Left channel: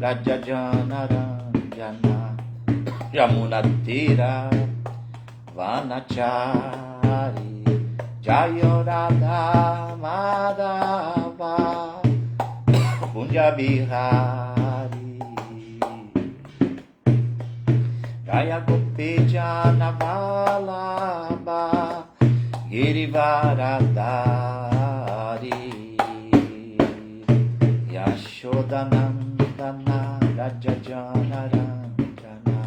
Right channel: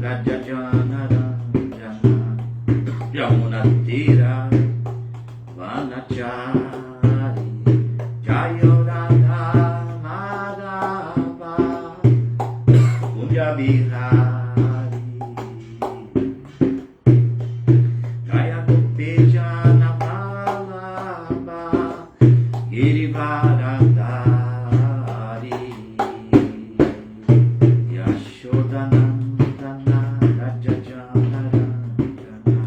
Rajajana Ranjana Yamunatira Vanachari Jayoradha Madhava Kunjabihari Jaya Gopijana Vallabha Girivaradari Yashodanandana Rajajana Ranjana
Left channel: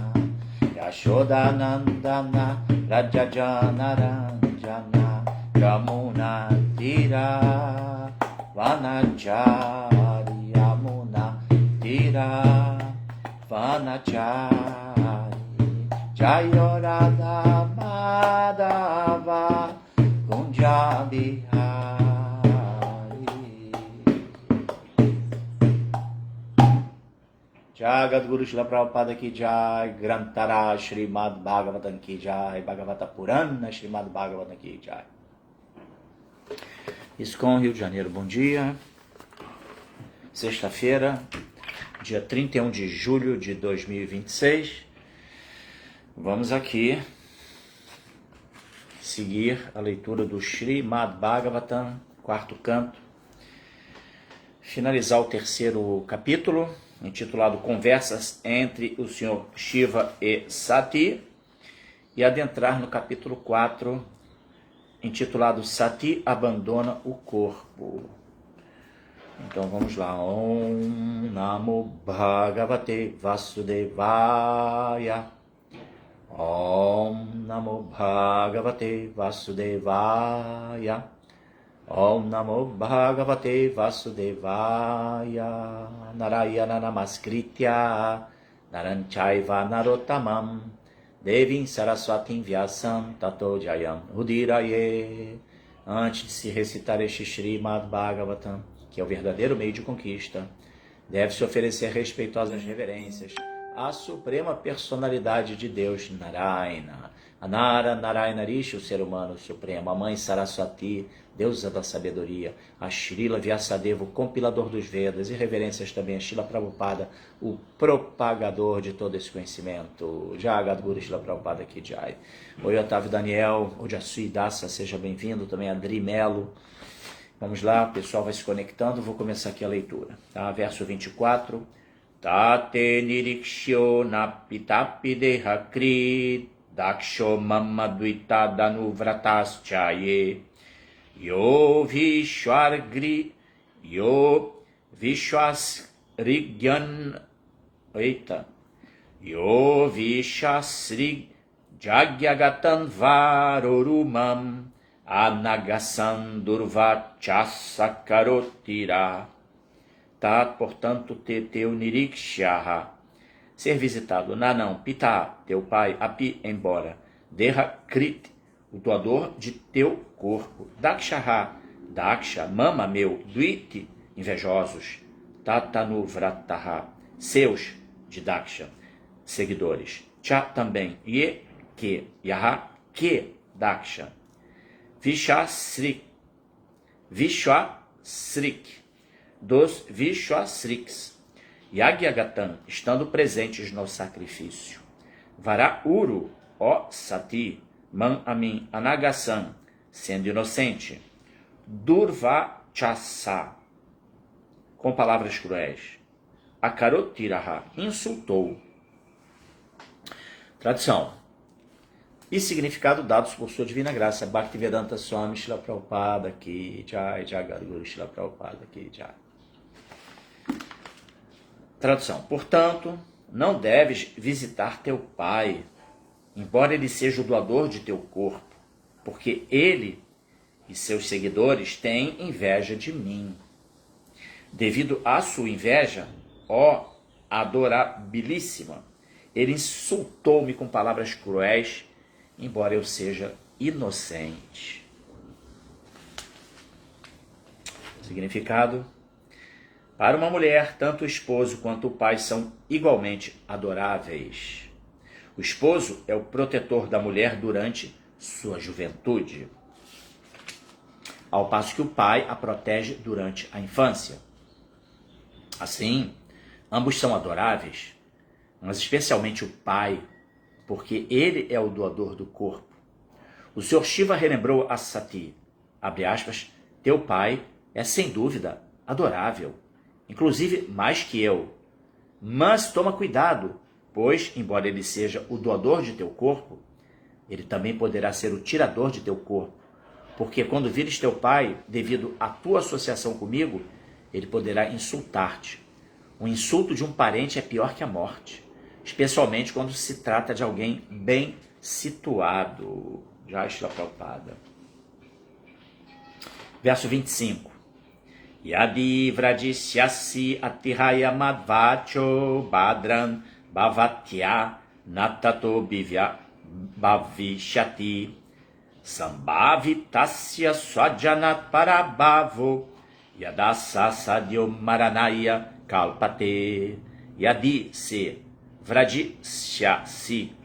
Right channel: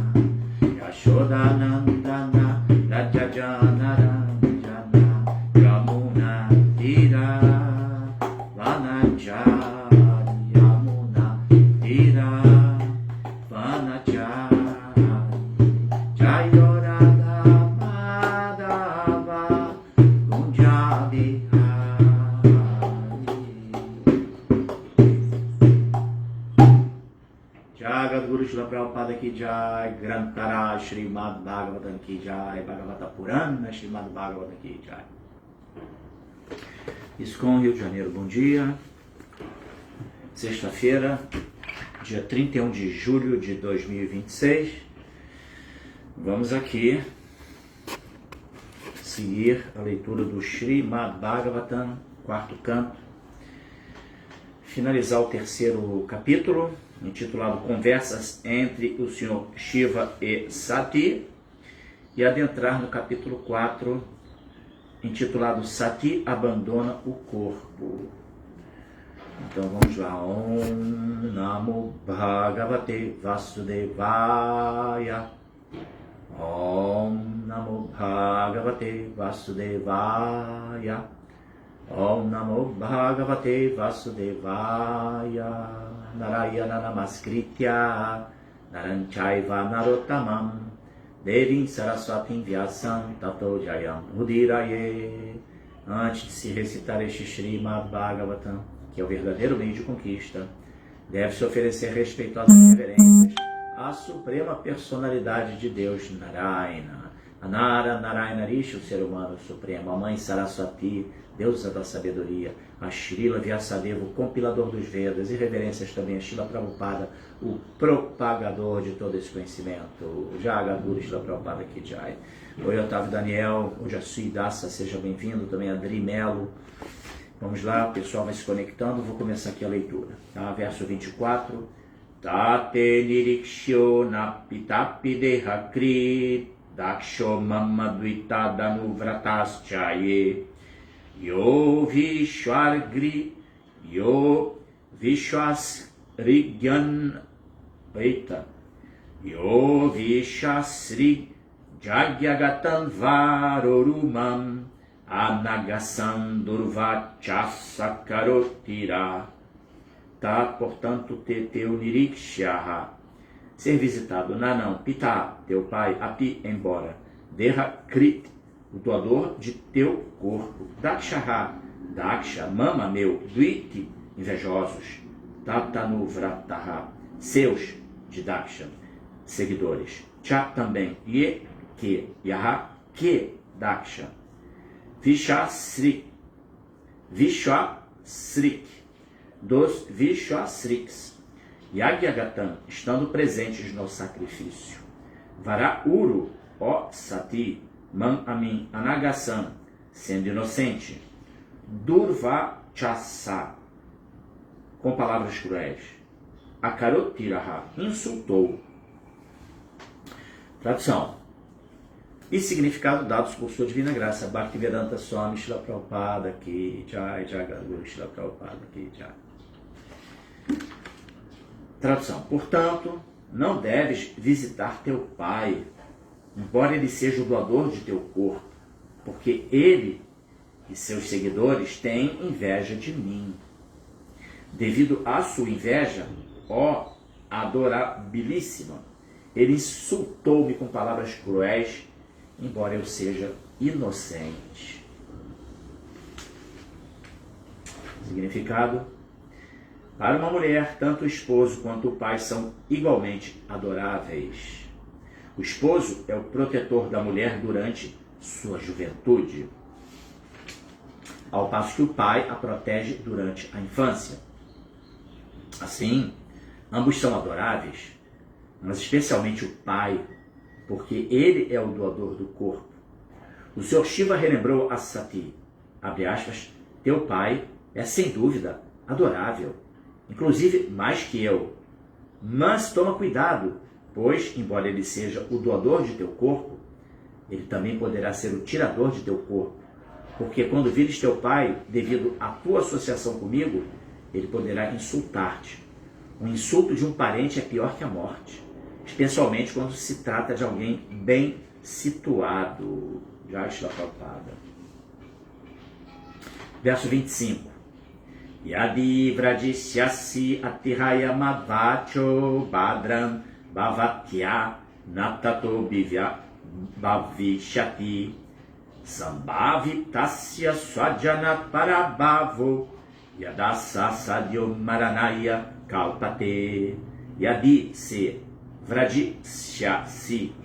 Yashodanandana Rajajana Ranjana Yamuna Tira Vanachari Yamuna Tira Vanachari Jayoradha Madhava Kunjabihari. Jagat Guru Shila Prabhupada Ki Jai, Grantara Srimad Bhagavatam Ki Jai, Bhagavata Purana Srimad Bhagavatam Ki Jai. ISKCON Rio de Janeiro, bom dia. Sexta-feira, dia 31 de julho de 2026. Vamos aqui seguir a leitura do Srimad Bhagavatam, quarto canto. Finalizar o terceiro capítulo, intitulado Conversas entre o Senhor Shiva e Sati, e adentrar no capítulo 4, intitulado Sati abandona o corpo. Então vamos lá. Om Namo Bhagavate Vasudevaya. Om Namo Bhagavate Vasudevaya. Om Namo Bhagavate Vasudevaya. Narayana Namaskritya Naranchaiva Narottamam Devim Saraswatim Vyasam Tato Jayam Udiraye. Antes de se recitar este Srimad Bhagavatam, que é o verdadeiro meio de conquista, deve-se oferecer respeitosas reverências à suprema personalidade de Deus, Narayana. Anara, Narayana Rishi, o ser humano supremo, a mãe Saraswati, deusa da sabedoria, a Srila Vyasadeva, o compilador dos Vedas, e reverências também a Srila Prabhupada, o propagador de todo esse conhecimento. Jagat Guru Srila Prabhupada Ki Jai. Oi, Otávio Daniel, o Jasui Dassa, seja bem-vindo, também Adri Melo. Vamos lá, o pessoal vai se conectando, vou começar aqui a leitura. Tá? Verso 24. Tate nirikshyo napitapi dehakrit daksho mamadvita danuvrataschaye yo vishwargri yo vishwasrigyan yo vishasri jagyagatan varorumam Anagasan Durvachasakarotira. Tá, portanto, teu nirikshaha, ser visitado. Nanão, pita, teu pai, api, embora. Deha krit, o doador de teu corpo. Dakshaha, daksha, mama meu. Duiti, invejosos. Tatanu vrataha, seus, de daksha, seguidores. Cha, também. Ye, que. Yaha, que, daksha. Vishwasrik, dos Vishwasriks, Yagyagatan, estando presentes no sacrifício. Varauru, ó Sati, Man Amin, Anagasan, sendo inocente. Durvachasa, com palavras cruéis. Akarotiraha, insultou. Tradução e significado dados por sua divina graça. Bhaktivedanta Swami Srila Prabhupada Ki Jai, Jagat Guru Srila Prabhupada Ki Jai. Tradução. Portanto, não deves visitar teu pai, embora ele seja o doador de teu corpo, porque ele e seus seguidores têm inveja de mim. Devido à sua inveja, ó adorabilíssima, ele insultou-me com palavras cruéis, embora eu seja inocente. Significado: para uma mulher, tanto o esposo quanto o pai são igualmente adoráveis. O esposo é o protetor da mulher durante sua juventude, ao passo que o pai a protege durante a infância. Assim, Ambos são adoráveis, mas especialmente o pai, porque ele é o doador do corpo. O Sr. Shiva relembrou a Sati, abre aspas, teu pai é sem dúvida adorável, inclusive mais que eu. Mas toma cuidado, pois, embora ele seja o doador de teu corpo, ele também poderá ser o tirador de teu corpo, porque quando vires teu pai, devido à tua associação comigo, ele poderá insultar-te. O insulto de um parente é pior que a morte, especialmente quando se trata de alguém bem situado. Já está Prabhupada. Verso 25. Yadi vradisyasi atihaya madvacho badran bhavatya natato bhivya bhavishyati sambhavitasya swajanat parabhavo yadasa sadyo maranaya kalpate. Yadi se vradisyasi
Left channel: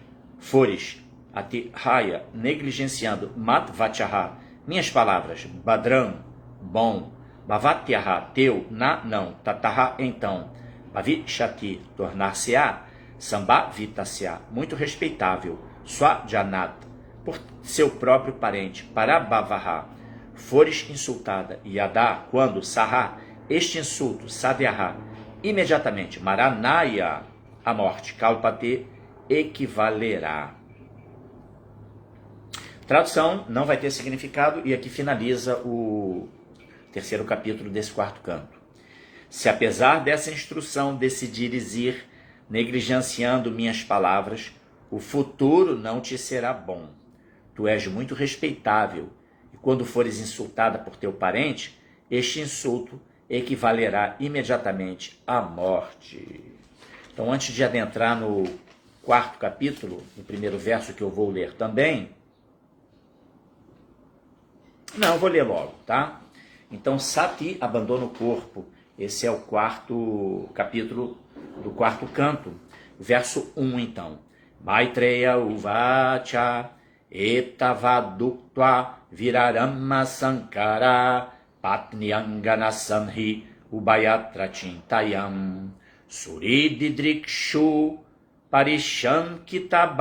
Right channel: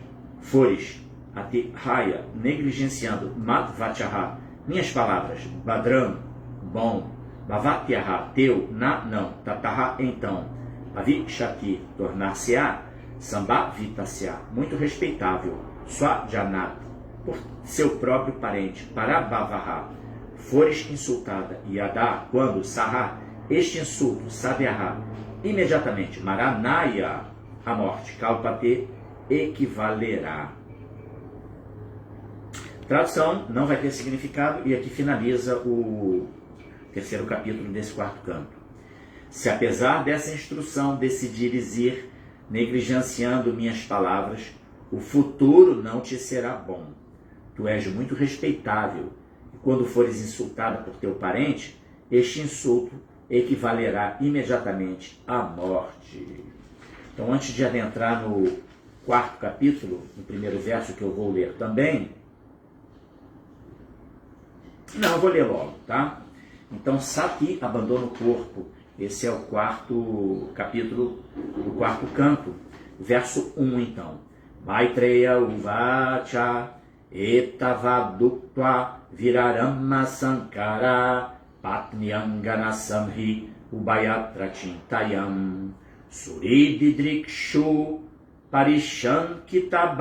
fores atihaya negligenciando madvachaha minhas palavras, badran bom, bhavatyaha teu, na não, tataha então, bhavishati tornar-se-á, sambhavitasya muito respeitável, swajanat por seu próprio parente, parabhavaha fores insultada, yada quando, saha este insulto, sadhyaha imediatamente, maranaya a morte, kalpate equivalerá. Tradução não vai ter significado e aqui finaliza o terceiro capítulo desse quarto canto. Se apesar dessa instrução decidires ir negligenciando minhas palavras, o futuro não te será bom. Tu és muito respeitável e quando fores insultada por teu parente, este insulto equivalerá imediatamente à morte. Então, antes de adentrar no quarto capítulo, no primeiro verso que eu vou ler também, não, eu vou ler logo, tá? Então, Sati abandona o corpo. Esse é o quarto capítulo do quarto canto. Verso 1, então. Maitreya uvacha etavaduktva virarama sankara patniangana sanhi ubayatra chintayam surididrikshu parishankita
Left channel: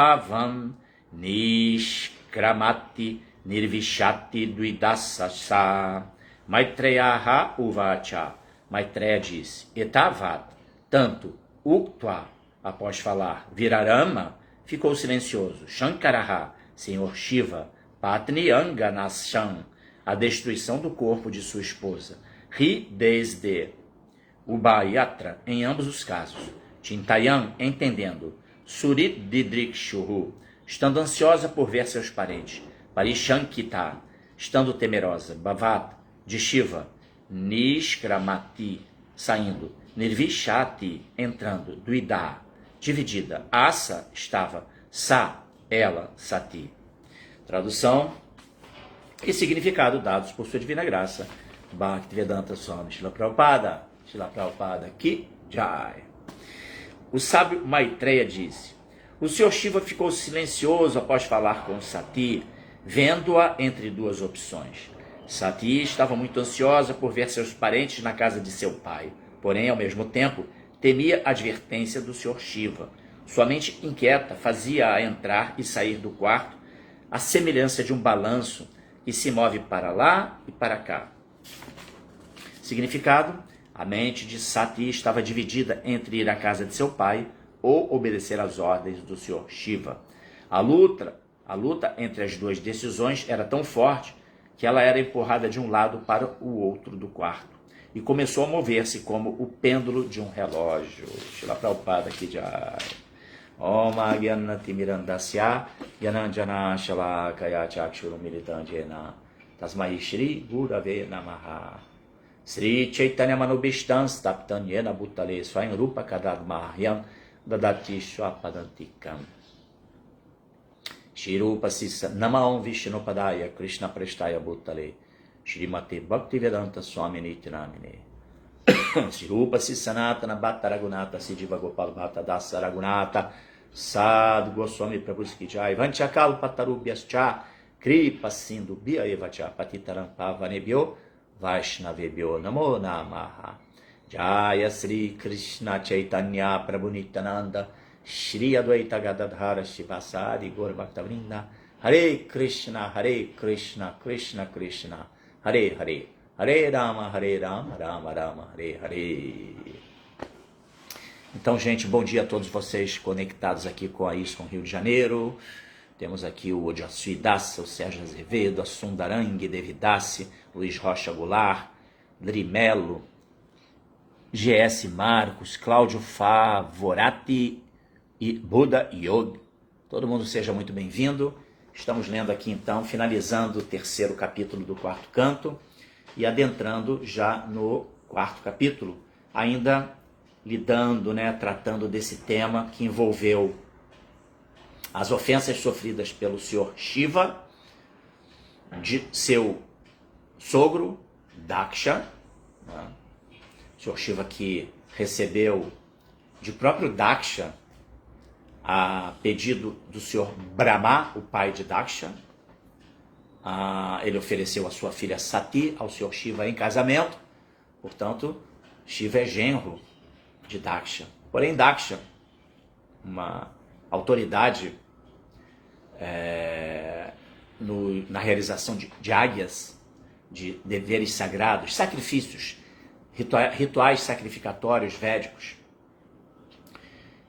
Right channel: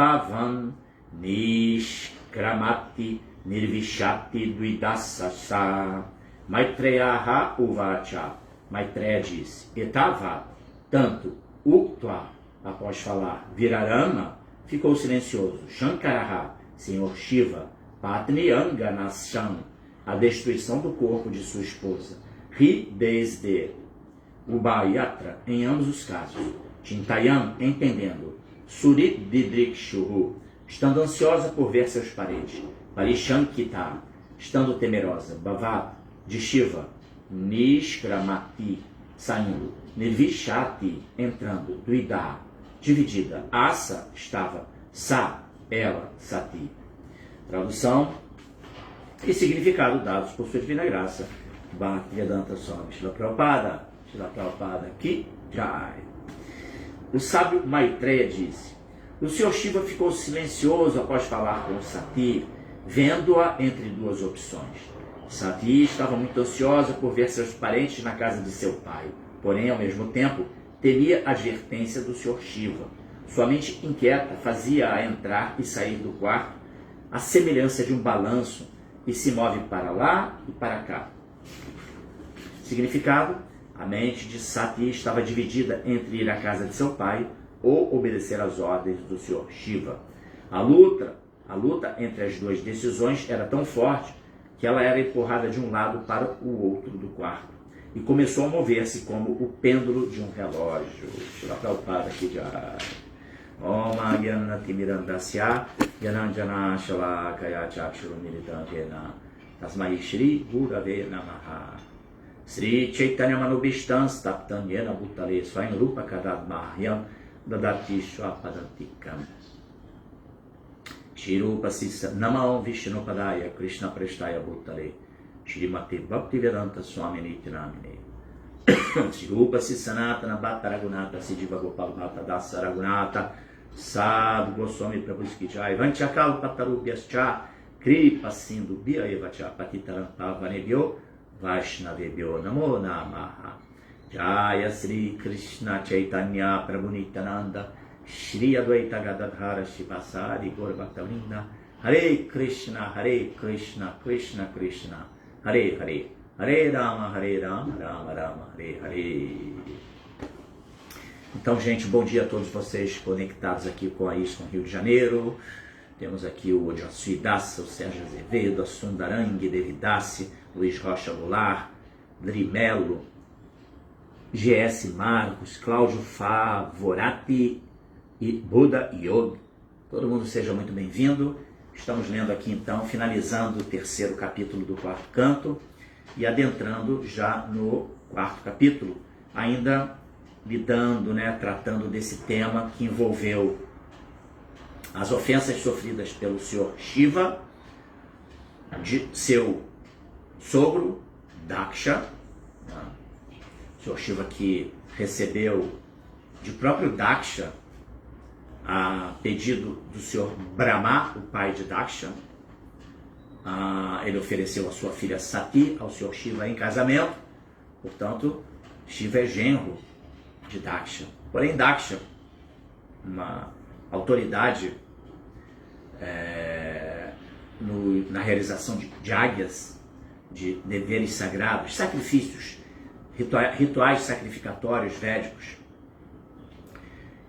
nishkramati nirvishati duidasasa. Maitreya uvacha. Maitreya diz, etavad, tanto, uktva, após falar, virarama, ficou silencioso, shankaraha, senhor Shiva, patnianganasam, a destruição do corpo de sua esposa, ri desde, ubayatra, em ambos os casos, chintayam, entendendo, surididrikshuhu, estando ansiosa por ver seus parentes, parishankita, estando temerosa, bhavat, de Shiva, nishkramati, saindo, nirvishati, entrando, duida, dividida, asa, estava, sa, ela, sati. Tradução e significado dados por sua divina graça, Bhaktivedanta Swami Srila Prabhupada, Ki Jai. O sábio Maitreya disse, o Sr. Shiva ficou silencioso após falar com Sati, vendo-a entre duas opções. Sati estava muito ansiosa por ver seus parentes na casa de seu pai, porém, ao mesmo tempo, temia a advertência do Sr. Shiva. Sua mente inquieta fazia-a entrar e sair do quarto, à semelhança de um balanço que se move para lá e para cá. Significado: a mente de Sati estava dividida entre ir à casa de seu pai ou obedecer às ordens do Sr. Shiva. A luta entre as duas decisões era tão forte que ela era empurrada de um lado para o outro do quarto e começou a mover-se como o pêndulo de um relógio. Shila Prabhupada Ki Jai. Om Agyanati Mirandasya Gyananjana Shalakaya Chakshura Militanjena Tasmai Shri Gurave Namaha Sri Chaitanya Manubhishtan Staptanyena Bhutale Swayam Rupa Kadadmahyam Dadati Shwapadantikam Shirupa Sissa Namam Vishnupadaya Krishna Prestaya Bhutale Shrimati Bhaktivedanta Swami Nityanamine Shirupa Sissanatana Bhatta Raghunatha Siddhiva Gopal Bhatta Dasa Raghunatha Sadhu Goswami Prabhu Skijai Vanchakal Patarubhyascha Kripa Sindhu Bhya Evacha Patitaram Pavanebhyo Vaishnavebhyo Namo Namaha. Jaya Sri Krishna Chaitanya Prabhu Nityananda Shri Advaita Gadadhara Shivasadi Gaura Bhakta-vrinda. Hare Krishna, Krishna Krishna, Hare Hare, Hare Rama, Rama Rama, Hare Hare. Então, gente, bom dia a todos vocês conectados aqui com a ISKCON Rio de Janeiro. Temos aqui o Ojasui Dassa, o Sérgio Azevedo, a Sundarang Devidassi, Luiz Rocha Goulart, Drimelo, GS Marcos, Cláudio Favorati e Buda Yod. Todo mundo seja muito bem-vindo. Estamos lendo aqui então, finalizando o terceiro capítulo do quarto canto e adentrando já no quarto capítulo, ainda lidando, tratando desse tema que envolveu as ofensas sofridas pelo Senhor Shiva, de seu sogro, Daksha, o Senhor Shiva que recebeu de próprio Daksha, a pedido do Senhor Brahma, o pai de Daksha, ele ofereceu a sua filha Sati ao Senhor Shiva em casamento, portanto, Shiva é genro de Daksha. Porém, Daksha, uma autoridade na realização de águias, de deveres sagrados, sacrifícios, rituais sacrificatórios védicos,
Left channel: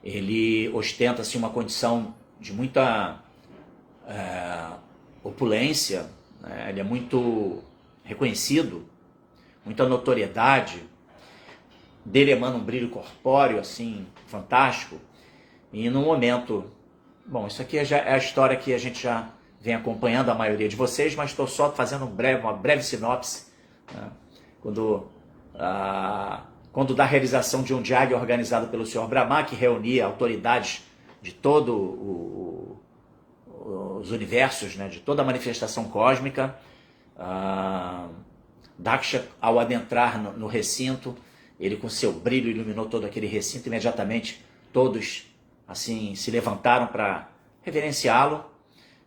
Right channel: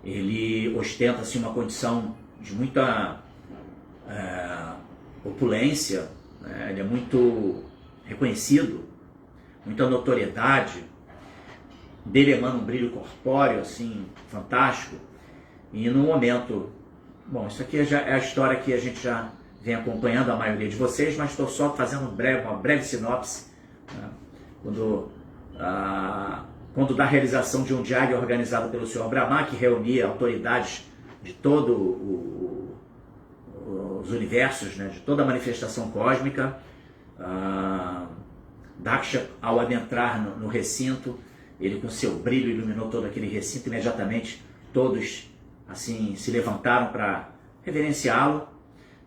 ele ostenta-se uma condição de muita opulência, ele é muito reconhecido, muita notoriedade, dele emana um brilho corpóreo, assim, fantástico, e no momento, bom, isso aqui já é a história que a gente já vem acompanhando a maioria de vocês, mas estou só fazendo uma breve sinopse, quando da realização de um yagya organizado pelo Senhor Brahma, que reunia autoridades de todos os universos, de toda a manifestação cósmica, Daksha, ao adentrar no recinto, ele com seu brilho iluminou todo aquele recinto, imediatamente todos assim se levantaram para reverenciá-lo.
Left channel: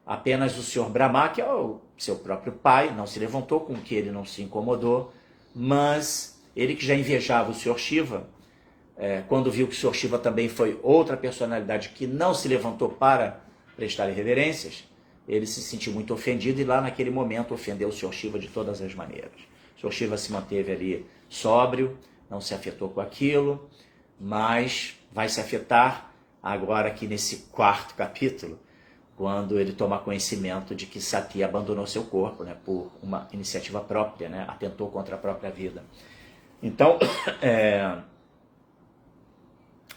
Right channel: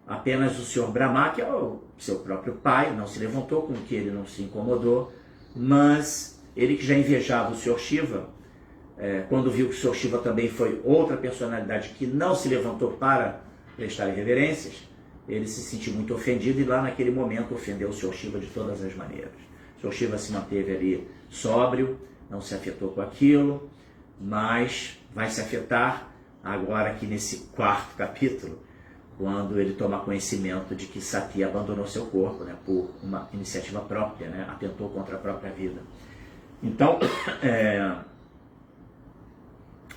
Apenas o Senhor Brahma, que é o seu próprio pai, não se levantou, com que ele não se incomodou, mas ele que já invejava o Senhor Shiva, quando viu que o Senhor Shiva também foi outra personalidade que não se levantou para prestar reverências, ele se sentiu muito ofendido e lá naquele momento ofendeu o Senhor Shiva de todas as maneiras. O Senhor Shiva se manteve ali sóbrio, não se afetou com aquilo, mas vai se afetar agora aqui nesse quarto capítulo, quando ele toma conhecimento de que Sati abandonou seu corpo, por uma iniciativa própria, atentou contra a própria vida. Então,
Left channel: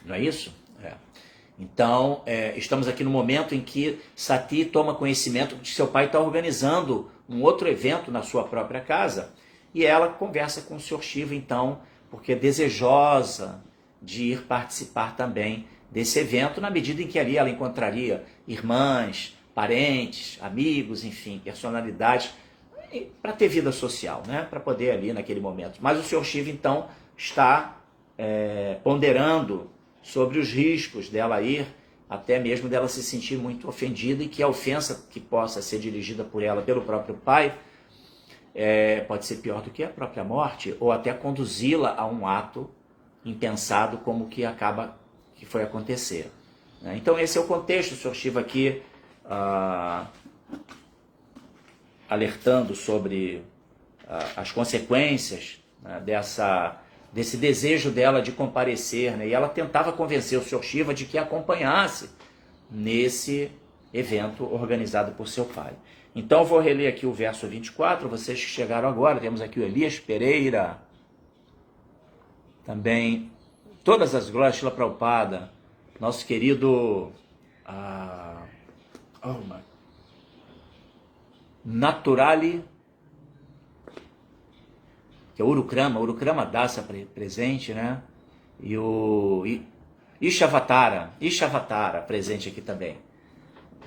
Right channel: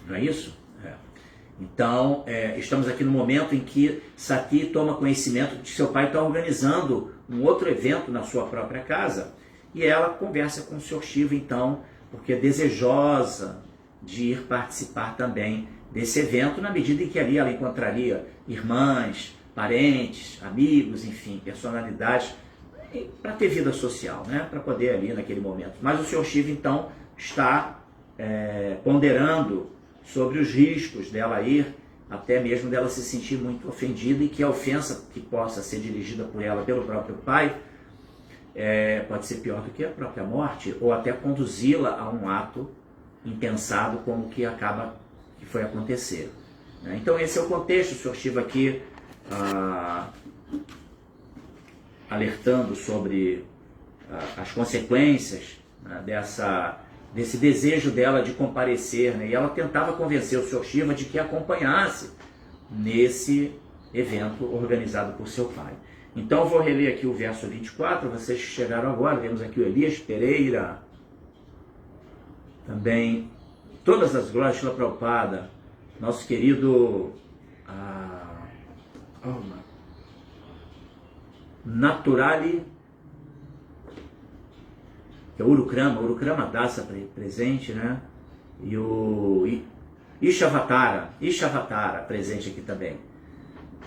não é isso? Então, estamos aqui no momento em que Sati toma conhecimento de que seu pai está organizando um outro evento na sua própria casa, e ela conversa com o Senhor Shiva, então, porque é desejosa de ir participar também desse evento, na medida em que ali ela encontraria irmãs, parentes, amigos, enfim, personalidades, para ter vida social, para poder ali naquele momento. Mas o Senhor Shiva, então, está ponderando sobre os riscos dela ir, até mesmo dela se sentir muito ofendida e que a ofensa que possa ser dirigida por ela pelo próprio pai pode ser pior do que a própria morte, ou até conduzi-la a um ato impensado como que foi acontecer. Então esse é o contexto, o Senhor Shiva aqui alertando sobre as consequências desse desejo dela de comparecer, e ela tentava convencer o Senhor Shiva de que a acompanhasse nesse evento organizado por seu pai. Então eu vou reler aqui o verso 24, vocês que chegaram agora, temos aqui o Elias Pereira, também todas as glórias Srila Prabhupada, nosso querido Naturali, que é Urukrama Dassa presente, e o Ishavatara presente aqui também.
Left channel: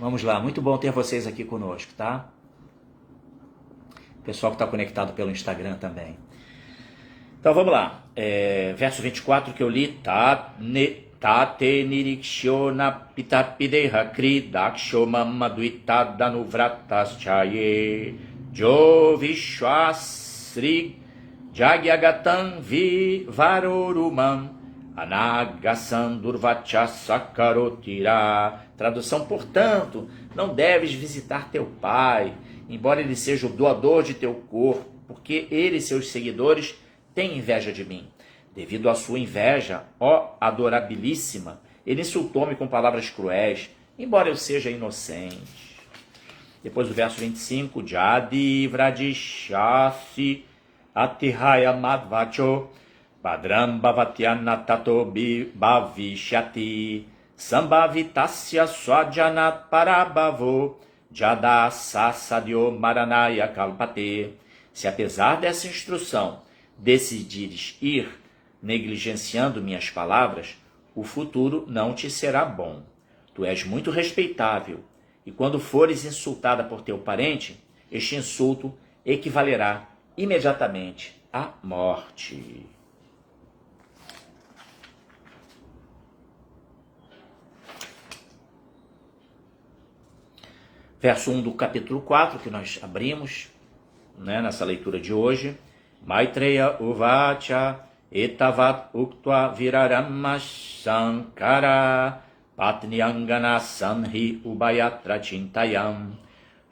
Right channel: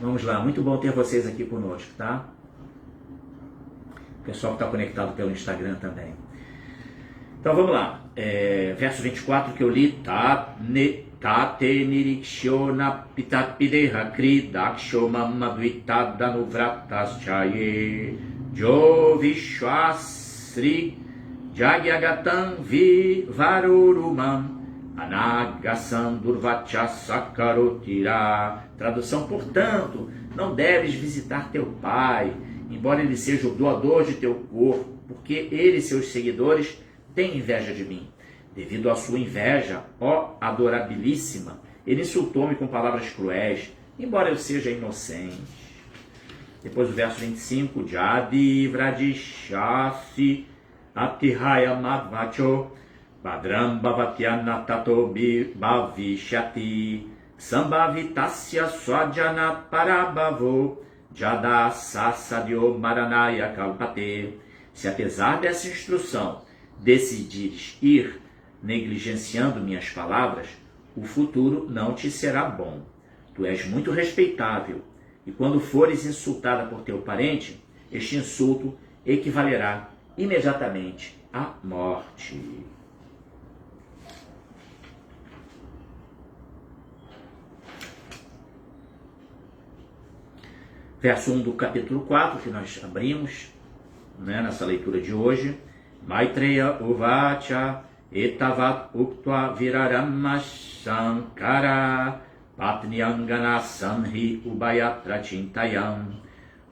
Vamos lá, muito bom ter vocês aqui conosco, tá? Pessoal que está conectado pelo Instagram também. Então vamos lá, verso 24 que eu li, Tate nirikshona pitapideha kri daksho mamadvitadanu vrataschaye jo vishwasri Jagyagatam Varurumam Anagasam Durvacha Sakarotira. Tradução: portanto, não deves visitar teu pai, embora ele seja o doador de teu corpo, porque ele e seus seguidores têm inveja de mim. Devido à sua inveja, ó adorabilíssima, ele insultou-me com palavras cruéis, embora eu seja inocente. Depois do verso 25, Jadi Vradishasi Atihaya Madvacho Padram Bhavatyana Tato Bhavishyati Sambhavitasya Swajanat Parabhavo Jada Sasadyo Maranaya Kalpate. Se apesar dessa instrução decidires ir negligenciando minhas palavras, o futuro não te será bom. Tu és muito respeitável, e quando fores insultada por teu parente, este insulto equivalerá imediatamente à morte. Verso 1 do capítulo 4, que nós abrimos, nessa leitura de hoje. Maitreya Uvacha Etavat Uktva Virarama Sankara Patniangana Sanhi Ubayatra Chintayam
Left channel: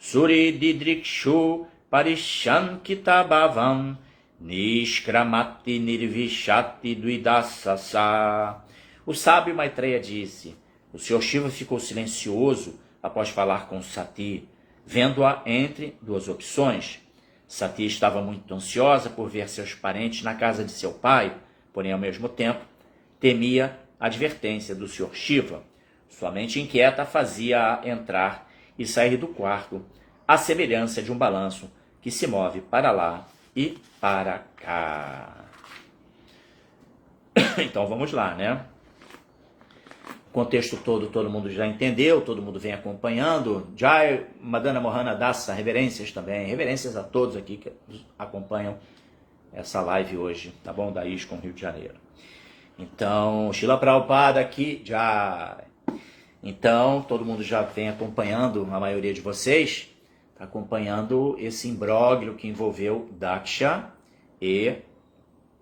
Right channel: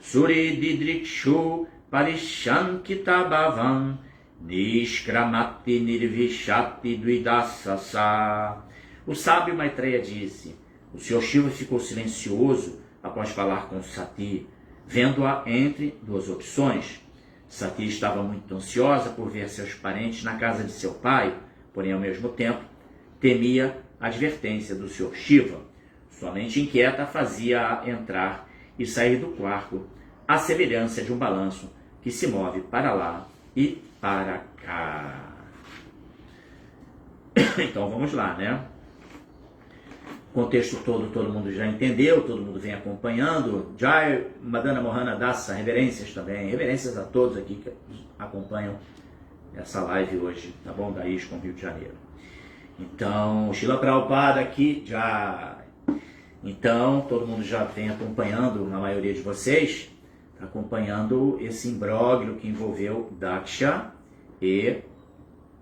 Suri Didrikshu Parishankita Bhavam Nishkramati Nirvishati Duidasasa. O sábio Maitreya disse: o Senhor Shiva ficou silencioso após falar com Sati, vendo-a entre duas opções. Sati estava muito ansiosa por ver seus parentes na casa de seu pai, porém, ao mesmo tempo, temia a advertência do Senhor Shiva. Sua mente inquieta fazia-a entrar e sair do quarto, à semelhança de um balanço que se move para lá e para cá. Então, vamos lá, né? O contexto todo mundo já entendeu, todo mundo vem acompanhando. Jai Madana Mohana Dasa, reverências também, reverências a todos aqui que acompanham essa live hoje, tá bom? Da ISKCON Rio de Janeiro. Então, Srila Prabhupada aqui, já. Então, todo mundo já vem acompanhando, a maioria de vocês, está acompanhando esse imbróglio que envolveu Daksha e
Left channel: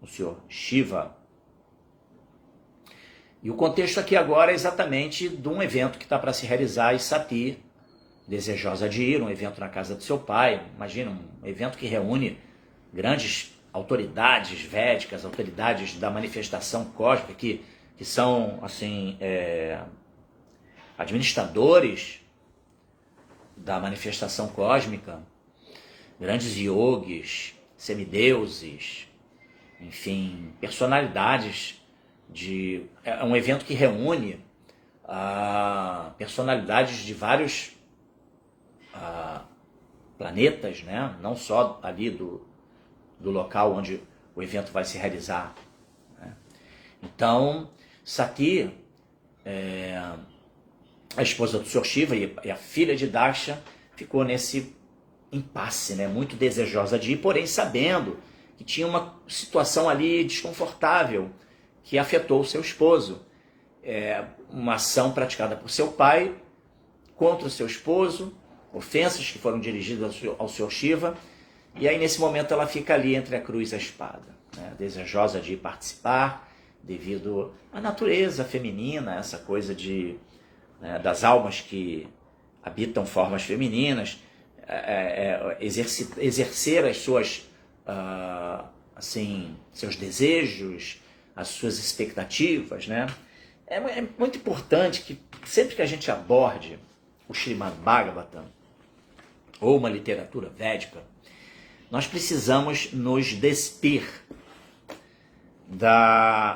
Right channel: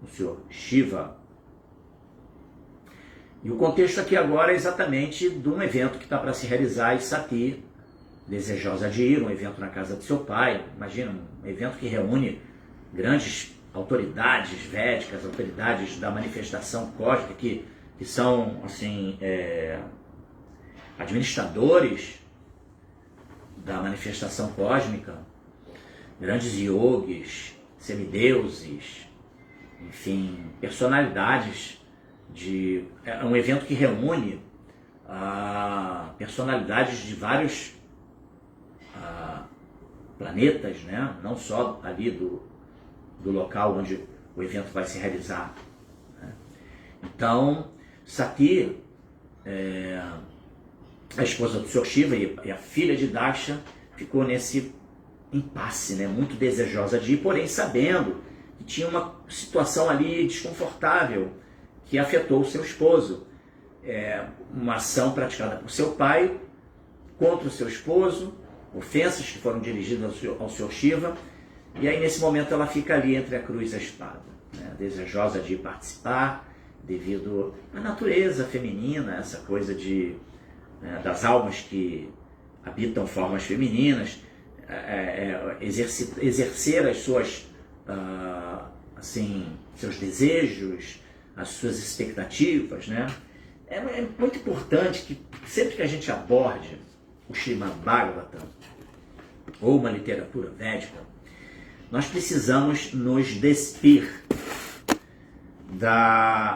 o Senhor Shiva. E o contexto aqui agora é exatamente de um evento que está para se realizar, e Sati, desejosa de ir, um evento na casa do seu pai. Imagina, um evento que reúne grandes autoridades védicas, autoridades da manifestação cósmica, que são, assim, administradores da manifestação cósmica, grandes yogis, semideuses, enfim, personalidades. É um evento que reúne personalidades de vários planetas, né? Não só ali do local onde o evento vai se realizar, né? Então, Sati, a esposa do Sr. Shiva e a filha de Daksha, ficou nesse impasse, né? Muito desejosa de ir, porém sabendo que tinha uma situação ali desconfortável que afetou o seu esposo. Uma ação praticada por seu pai contra o seu esposo, ofensas que foram dirigidas ao Sr. Shiva, e aí nesse momento ela fica ali entre a cruz e a espada, né? Desejosa de participar, devido à natureza feminina, essa coisa das almas que habitam formas femininas, exercer as suas, seus desejos, as suas expectativas, né? É muito importante que sempre que a gente aborde o Srimad Bhagavatam ou uma literatura védica, nós precisamos nos despir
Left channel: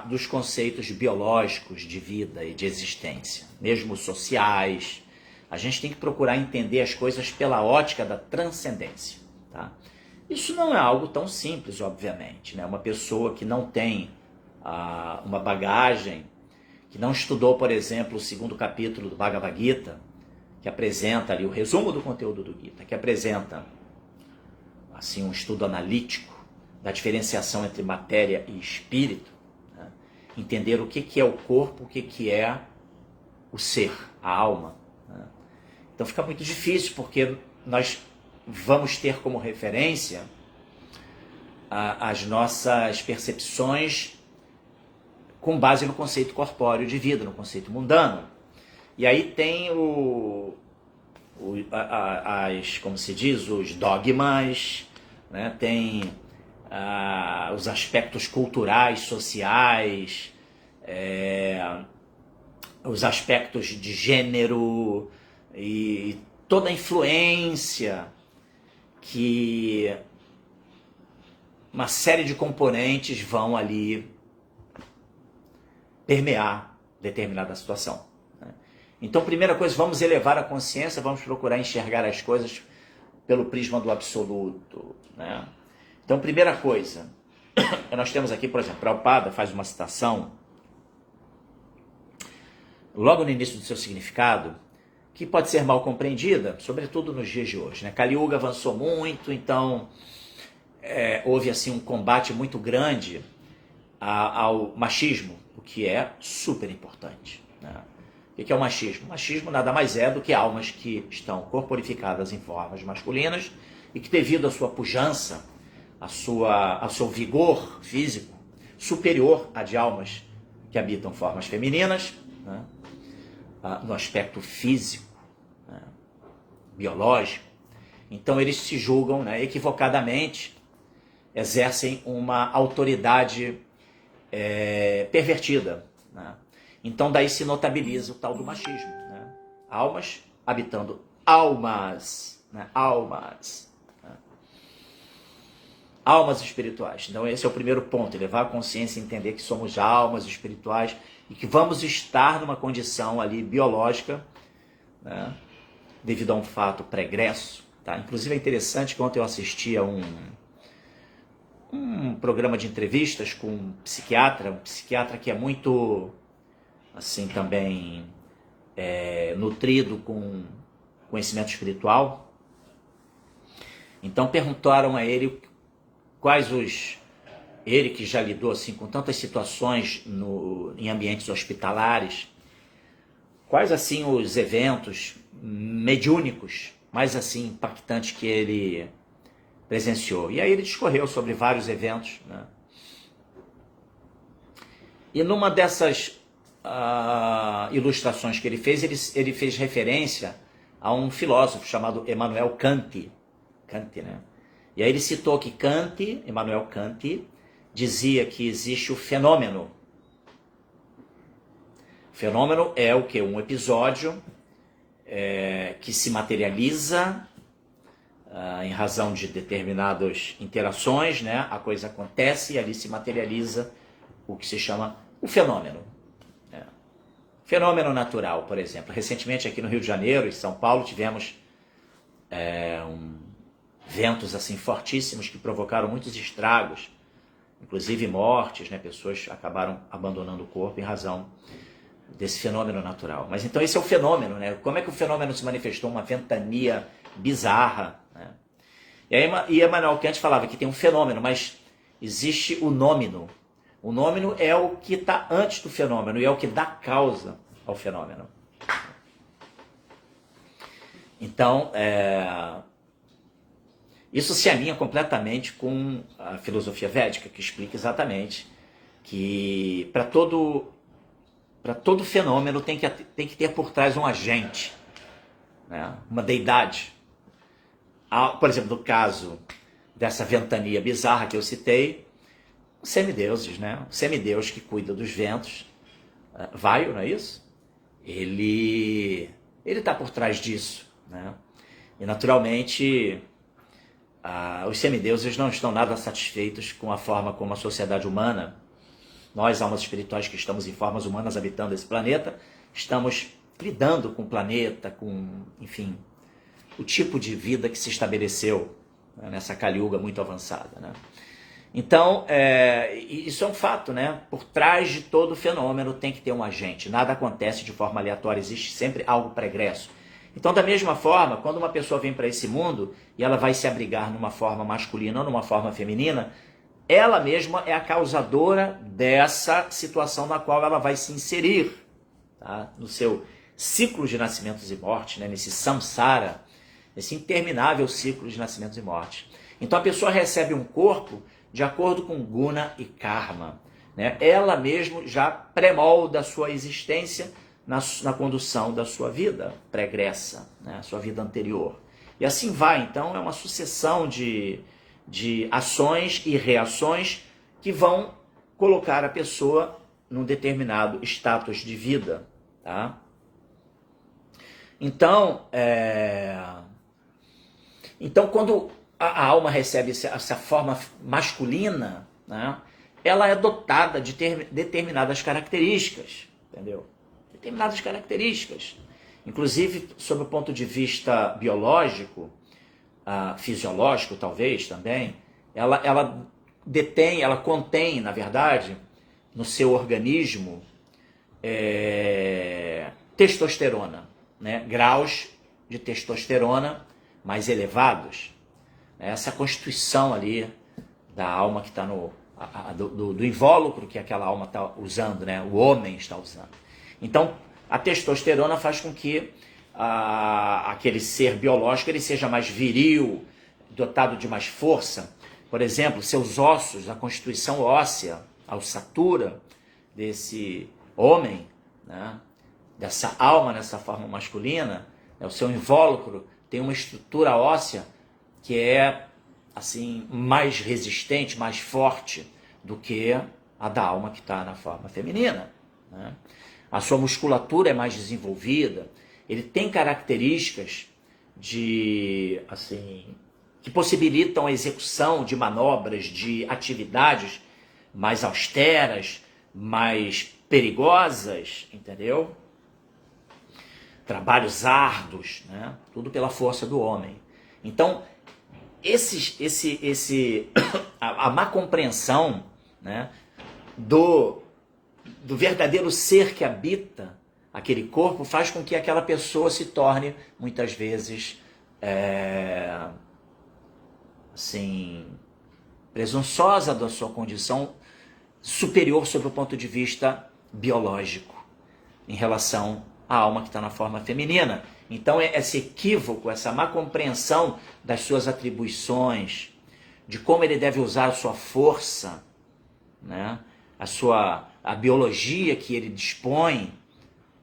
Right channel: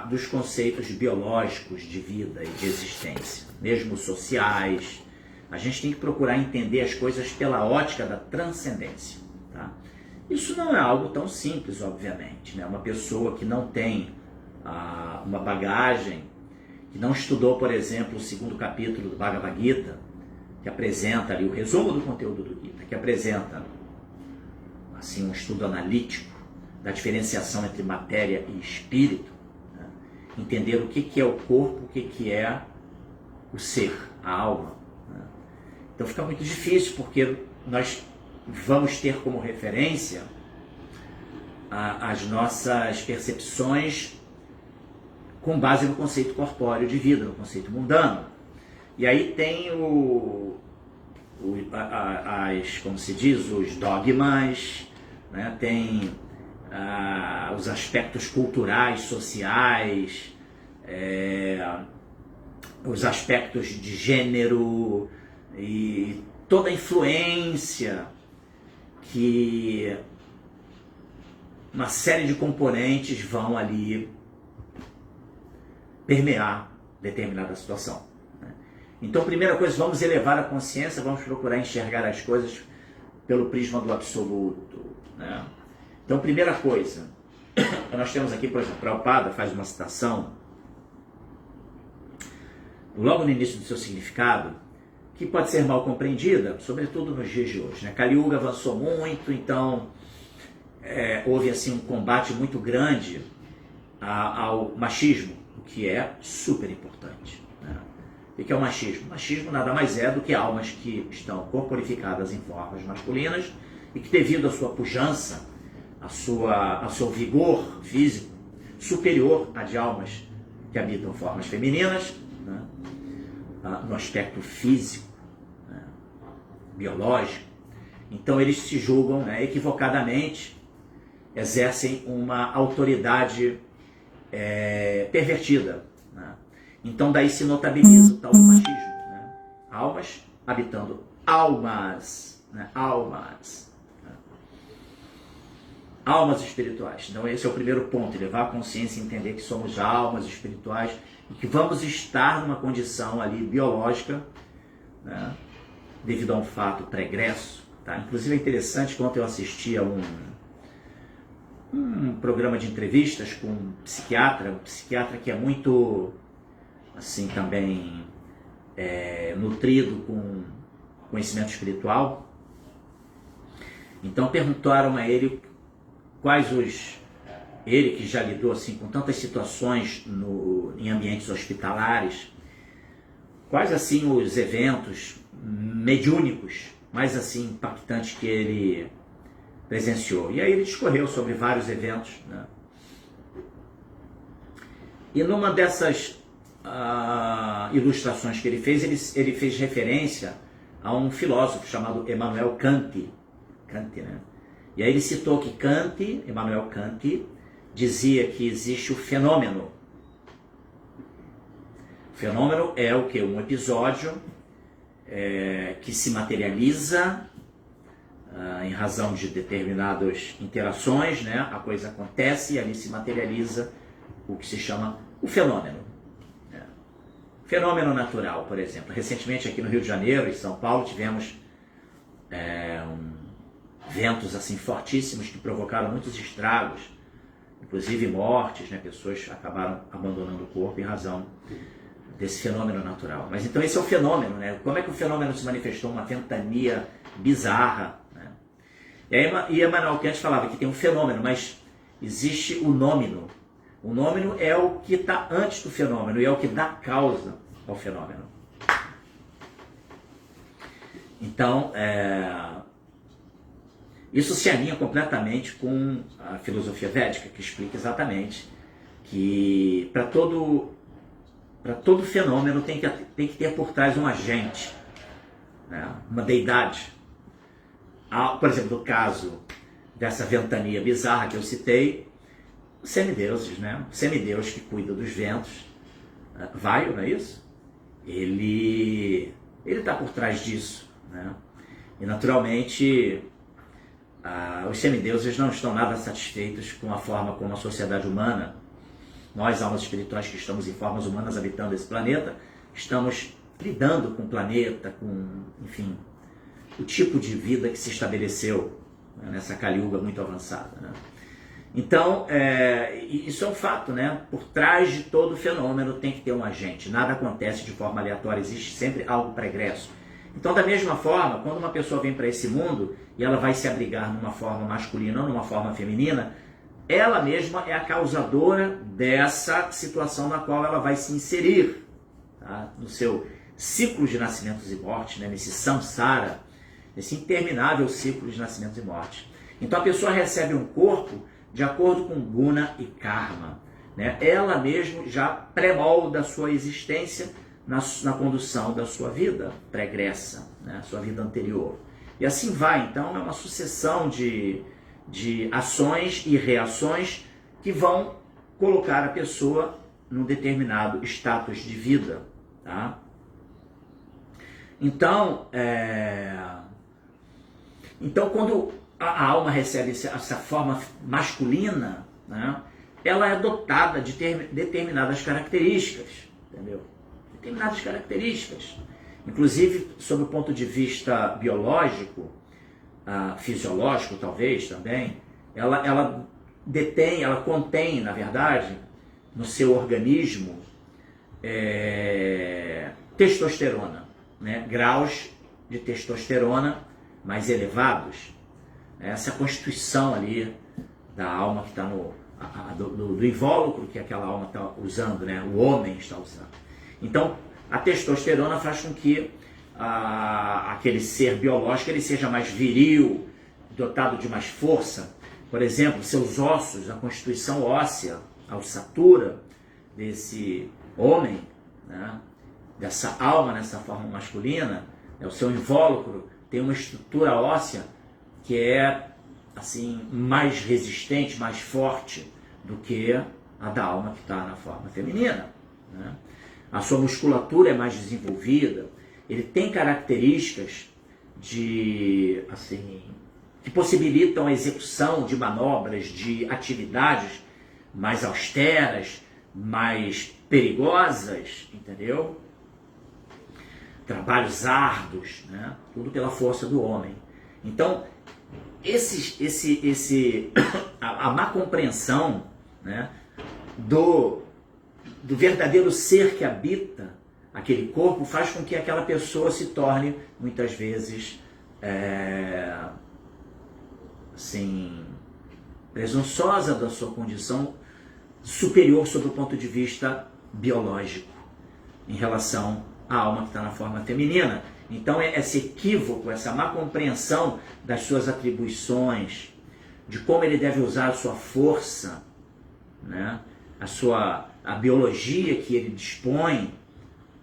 dos conceitos biológicos de vida e de existência, mesmo sociais. A gente tem que procurar entender as coisas pela ótica da transcendência, tá? Isso não é algo tão simples, obviamente, né? Uma pessoa que não tem uma bagagem, que não estudou, por exemplo, o 2º capítulo do Bhagavad Gita, que apresenta ali o resumo do conteúdo do Gita, que apresenta assim um estudo analítico da diferenciação entre matéria e espírito, né? Entender o que é o corpo, o que é o ser, a alma, né? Então fica muito difícil, porque nós vamos ter como referência as nossas percepções com base no conceito corpóreo de vida, no conceito mundano. E aí tem como se diz, os dogmas, né? Tem os aspectos culturais, sociais, os aspectos de gênero e toda a influência que uma série de componentes vão ali permear determinada situação. Então, primeira coisa, vamos elevar a consciência, vamos procurar enxergar as coisas pelo prisma do absoluto, né? Então, primeira coisa, nós temos aqui, por exemplo, Prabhupada faz uma citação, logo no início do seu significado, que pode ser mal compreendida, sobretudo nos dias de hoje, né? Kali Yuga avançou muito, então houve assim um combate muito grande ao machismo, o que é super importante, né? O que é o machismo? O machismo nada mais é do que almas que estão corporificadas em formas masculinas e que, devido à sua pujança, ao seu vigor físico superior à de almas que habitam formas femininas, né? No aspecto físico, né? Biológico, então eles se julgam, né, equivocadamente, exercem uma autoridade pervertida, né? Então daí se notabiliza o tal do machismo, né? Almas habitando almas, né? Almas espirituais. Então esse é o primeiro ponto, elevar a consciência e entender que somos almas espirituais e que vamos estar numa condição ali biológica, né, devido a um fato pregresso, tá? Inclusive é interessante que ontem eu assisti a um programa de entrevistas com um psiquiatra que é muito, assim, também nutrido com conhecimento espiritual. Então perguntaram a ele ele que já lidou assim com tantas situações em ambientes hospitalares, quais assim os eventos mediúnicos mais assim impactantes que ele presenciou. E aí ele discorreu sobre vários eventos, né? E numa dessas ilustrações que ele fez referência a um filósofo chamado Immanuel Kant, né? E aí ele citou que Immanuel Kant, dizia que existe o fenômeno. O fenômeno é o que? Um episódio que se materializa em razão de determinadas interações, né? A coisa acontece e ali se materializa o que se chama o fenômeno. Né? Fenômeno natural, por exemplo. Recentemente aqui no Rio de Janeiro e São Paulo tivemos ventos assim fortíssimos que provocaram muitos estragos, inclusive mortes, né? Pessoas acabaram abandonando o corpo em razão desse fenômeno natural. Mas então esse é o fenômeno, né? Como é que o fenômeno se manifestou? Uma ventania bizarra, né? E Immanuel Kant falava que tem um fenômeno, mas existe o nômeno. O nômeno é o que está antes do fenômeno e é o que dá causa ao fenômeno. Então, isso se alinha completamente com a filosofia védica, que explica exatamente que para todo fenômeno tem que ter por trás um agente, né? Uma deidade. Por exemplo, no caso dessa ventania bizarra que eu citei, os semideuses, né? O semideus que cuida dos ventos, Vaio, não é isso? Ele está por trás disso, né? E naturalmente os semideuses não estão nada satisfeitos com a forma como a sociedade humana, nós, almas espirituais que estamos em formas humanas habitando esse planeta, estamos lidando com o planeta, com, enfim, o tipo de vida que se estabeleceu, né, nessa Kali Yuga muito avançada, né? Então, isso é um fato, né? Por trás de todo fenômeno tem que ter um agente. Nada acontece de forma aleatória, existe sempre algo pregresso. Então, da mesma forma, quando uma pessoa vem para esse mundo e ela vai se abrigar numa forma masculina ou numa forma feminina, ela mesma é a causadora dessa situação na qual ela vai se inserir, tá? No seu ciclo de nascimentos e mortes, né? Nesse samsara, esse interminável ciclo de nascimentos e mortes. Então a pessoa recebe um corpo de acordo com guna e karma, né? Ela mesmo já pré-molda a sua existência na condução da sua vida pregressa, né? Sua vida anterior. E assim vai, então é uma sucessão de ações e reações que vão colocar a pessoa num determinado status de vida, tá? Então, quando a alma recebe essa forma masculina, né, ela é dotada de determinadas características, entendeu? Determinadas características. Inclusive, sob o ponto de vista biológico, fisiológico talvez também, ela contém, na verdade, no seu organismo, testosterona, né? Graus de testosterona mais elevados. Essa constituição ali da alma que está do invólucro que aquela alma está usando, né? O homem está usando. Então, a testosterona faz com que aquele ser biológico ele seja mais viril, dotado de mais força. Por exemplo, seus ossos, a constituição óssea, a ossatura desse homem, né? Dessa alma nessa forma masculina, o seu invólucro tem uma estrutura óssea que é assim mais resistente, mais forte do que a da alma que está na forma feminina, né? A sua musculatura é mais desenvolvida, ele tem características que possibilitam a execução de manobras, de atividades mais austeras, mais perigosas, entendeu? Trabalhos árduos, né? Tudo pela força do homem. Então, a má compreensão, né, do verdadeiro ser que habita aquele corpo faz com que aquela pessoa se torne, muitas vezes, presunçosa da sua condição superior sob o ponto de vista biológico, em relação à alma que está na forma feminina. Então, esse equívoco, essa má compreensão das suas atribuições, de como ele deve usar a sua força, né? a biologia que ele dispõe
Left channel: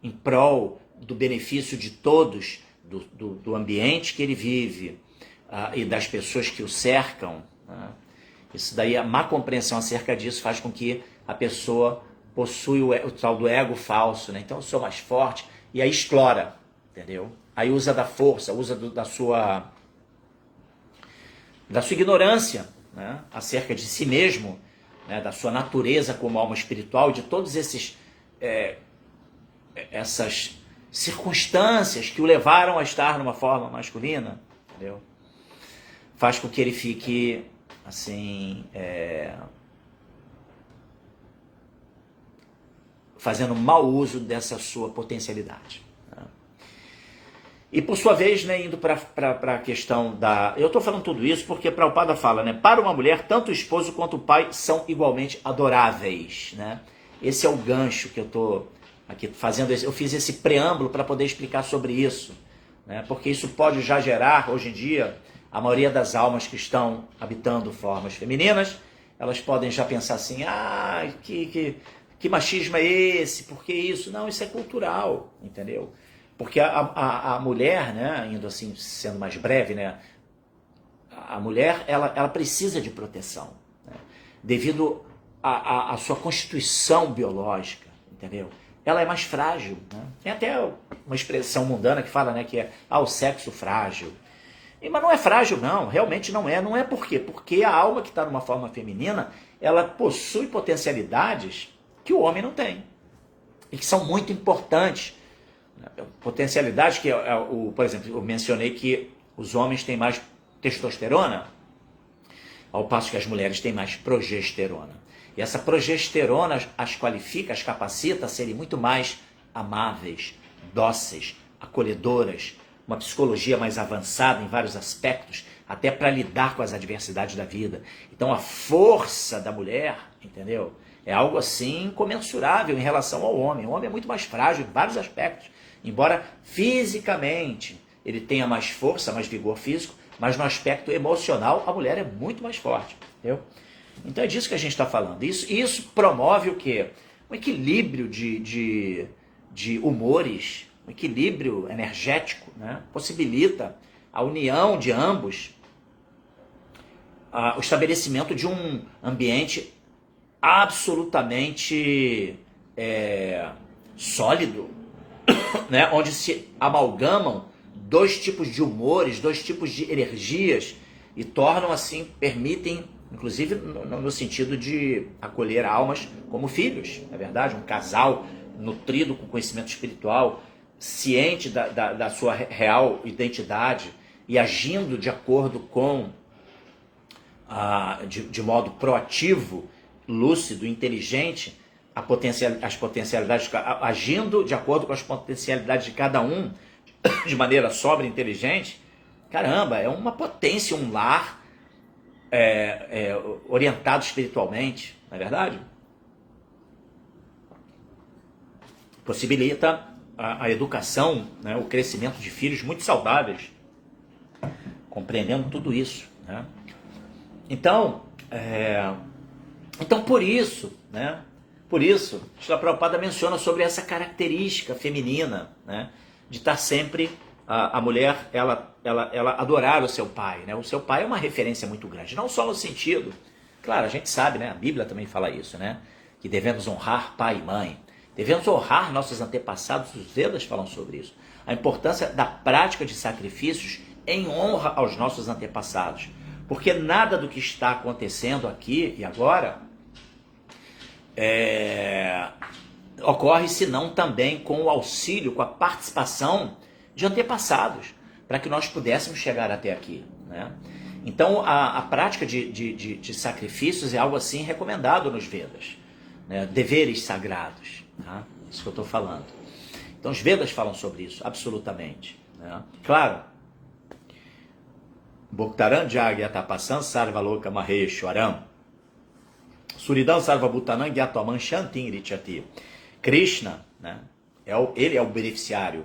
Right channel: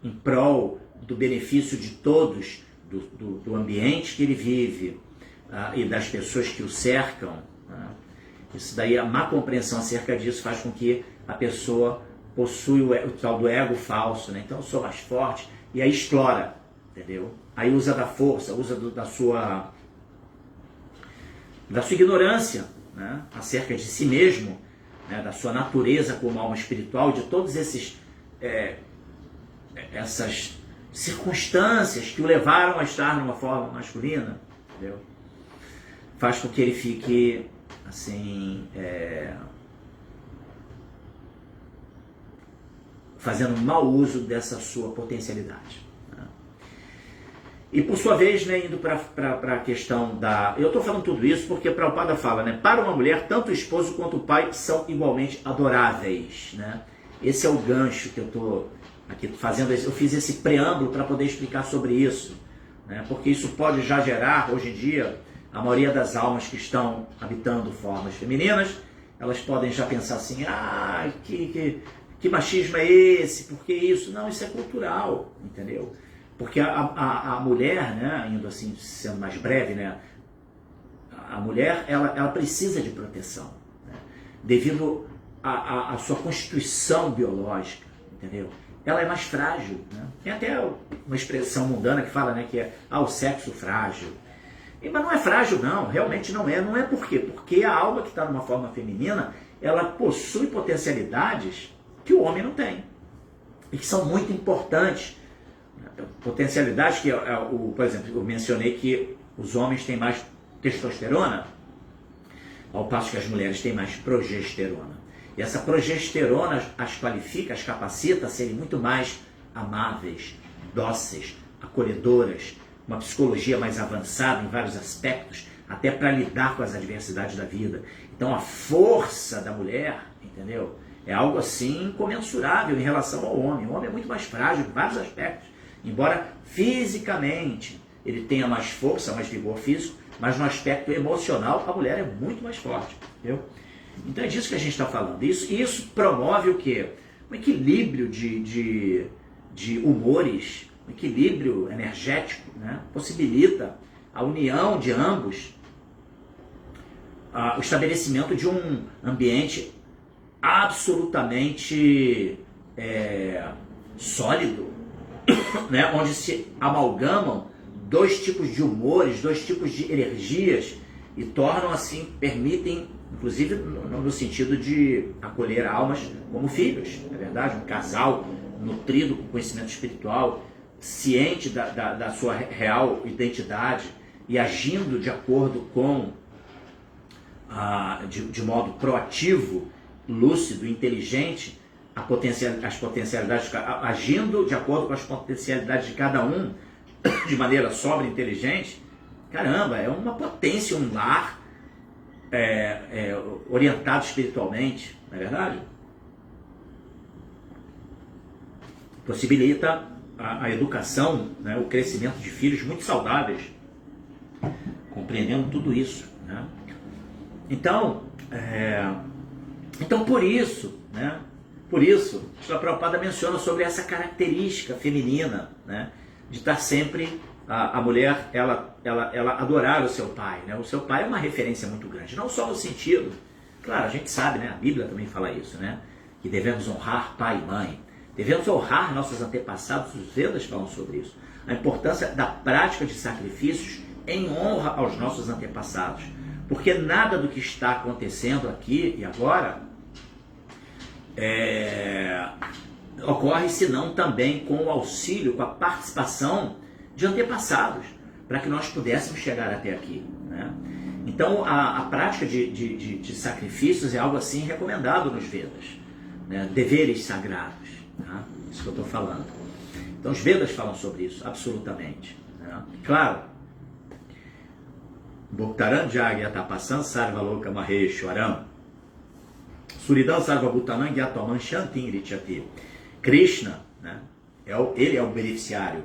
em prol do benefício de todos, do ambiente que ele vive e das pessoas que o cercam, né? Isso daí, a má compreensão acerca disso faz com que a pessoa possua o tal do ego falso, né? Então eu sou mais forte, e aí explora, entendeu? Aí usa da força, usa da sua ignorância, né? Acerca de si mesmo, né? Da sua natureza como alma espiritual, de todos essas circunstâncias que o levaram a estar numa forma masculina, entendeu? Faz com que ele fique fazendo mau uso dessa sua potencialidade, né? E por sua vez, né, indo para a questão da... Eu estou falando tudo isso porque Prabhupada fala, né? Para uma mulher, tanto o esposo quanto o pai são igualmente adoráveis, né? Esse é o gancho que eu estou aqui fazendo. Eu fiz esse preâmbulo para poder explicar sobre isso, né? Porque isso pode já gerar, hoje em dia, a maioria das almas que estão habitando formas femininas, elas podem já pensar assim, que machismo é esse? Por que isso? Não, isso é cultural, entendeu? Porque a mulher, né, indo assim, sendo mais breve, né, a mulher, ela precisa de proteção, né, devido à sua constituição biológica, entendeu? Ela é mais frágil, né? Tem até uma expressão mundana que fala, né, que é o sexo frágil. Mas não é frágil, não, realmente não é. Não é por quê? Porque a alma que está numa forma feminina, ela possui potencialidades que o homem não tem. E que são muito importantes. Potencialidades que, por exemplo, eu mencionei que os homens têm mais testosterona, ao passo que as mulheres têm mais progesterona. E essa progesterona as qualifica, as capacita a serem muito mais amáveis, dóceis, acolhedoras, uma psicologia mais avançada em vários aspectos, até para lidar com as adversidades da vida. Então a força da mulher, entendeu? É algo assim incomensurável em relação ao homem. O homem é muito mais frágil em vários aspectos. Embora fisicamente ele tenha mais força, mais vigor físico, mas no aspecto emocional a mulher é muito mais forte, entendeu? Então é disso que a gente está falando. Isso promove o quê? Um equilíbrio de humores, um equilíbrio energético, né? Possibilita a união de ambos, o estabelecimento de um ambiente absolutamente sólido, né? Onde se amalgamam dois tipos de humores, dois tipos de energias e tornam assim, permitem, inclusive no sentido de acolher almas como filhos, é verdade? Um casal nutrido com conhecimento espiritual, ciente da sua real identidade e agindo de acordo com, de modo proativo, lúcido, inteligente, as potencialidades, agindo de acordo com as potencialidades de cada um, de maneira sóbria e inteligente. Caramba, é uma potência, um lar orientado espiritualmente, não é verdade? Possibilita a educação, né, o crescimento de filhos muito saudáveis, compreendendo tudo isso, né? Então por isso, né? Por isso, Srila Prabhupada menciona sobre essa característica feminina, né? De estar sempre a mulher, ela adorar o seu pai, né? O seu pai é uma referência muito grande, não só no sentido, claro, a gente sabe, né? A Bíblia também fala isso, né? Que devemos honrar pai e mãe, devemos honrar nossos antepassados, os Vedas falam sobre isso. A importância da prática de sacrifícios em honra aos nossos antepassados, porque nada do que está acontecendo aqui e agora ocorre senão também com o auxílio, com a participação de antepassados, para que nós pudéssemos chegar até aqui, né? Então a prática de sacrifícios é algo assim recomendado nos Vedas, né? Deveres sagrados, tá? Isso que eu estou falando. Então os Vedas falam sobre isso, absolutamente, né? Claro, Bhaktaran Jagyatapasan Sarvaloka Maheshwaram Suridam Sarvabhutanam Gyatoman Shantin Richati. Krishna, né? Ele é o beneficiário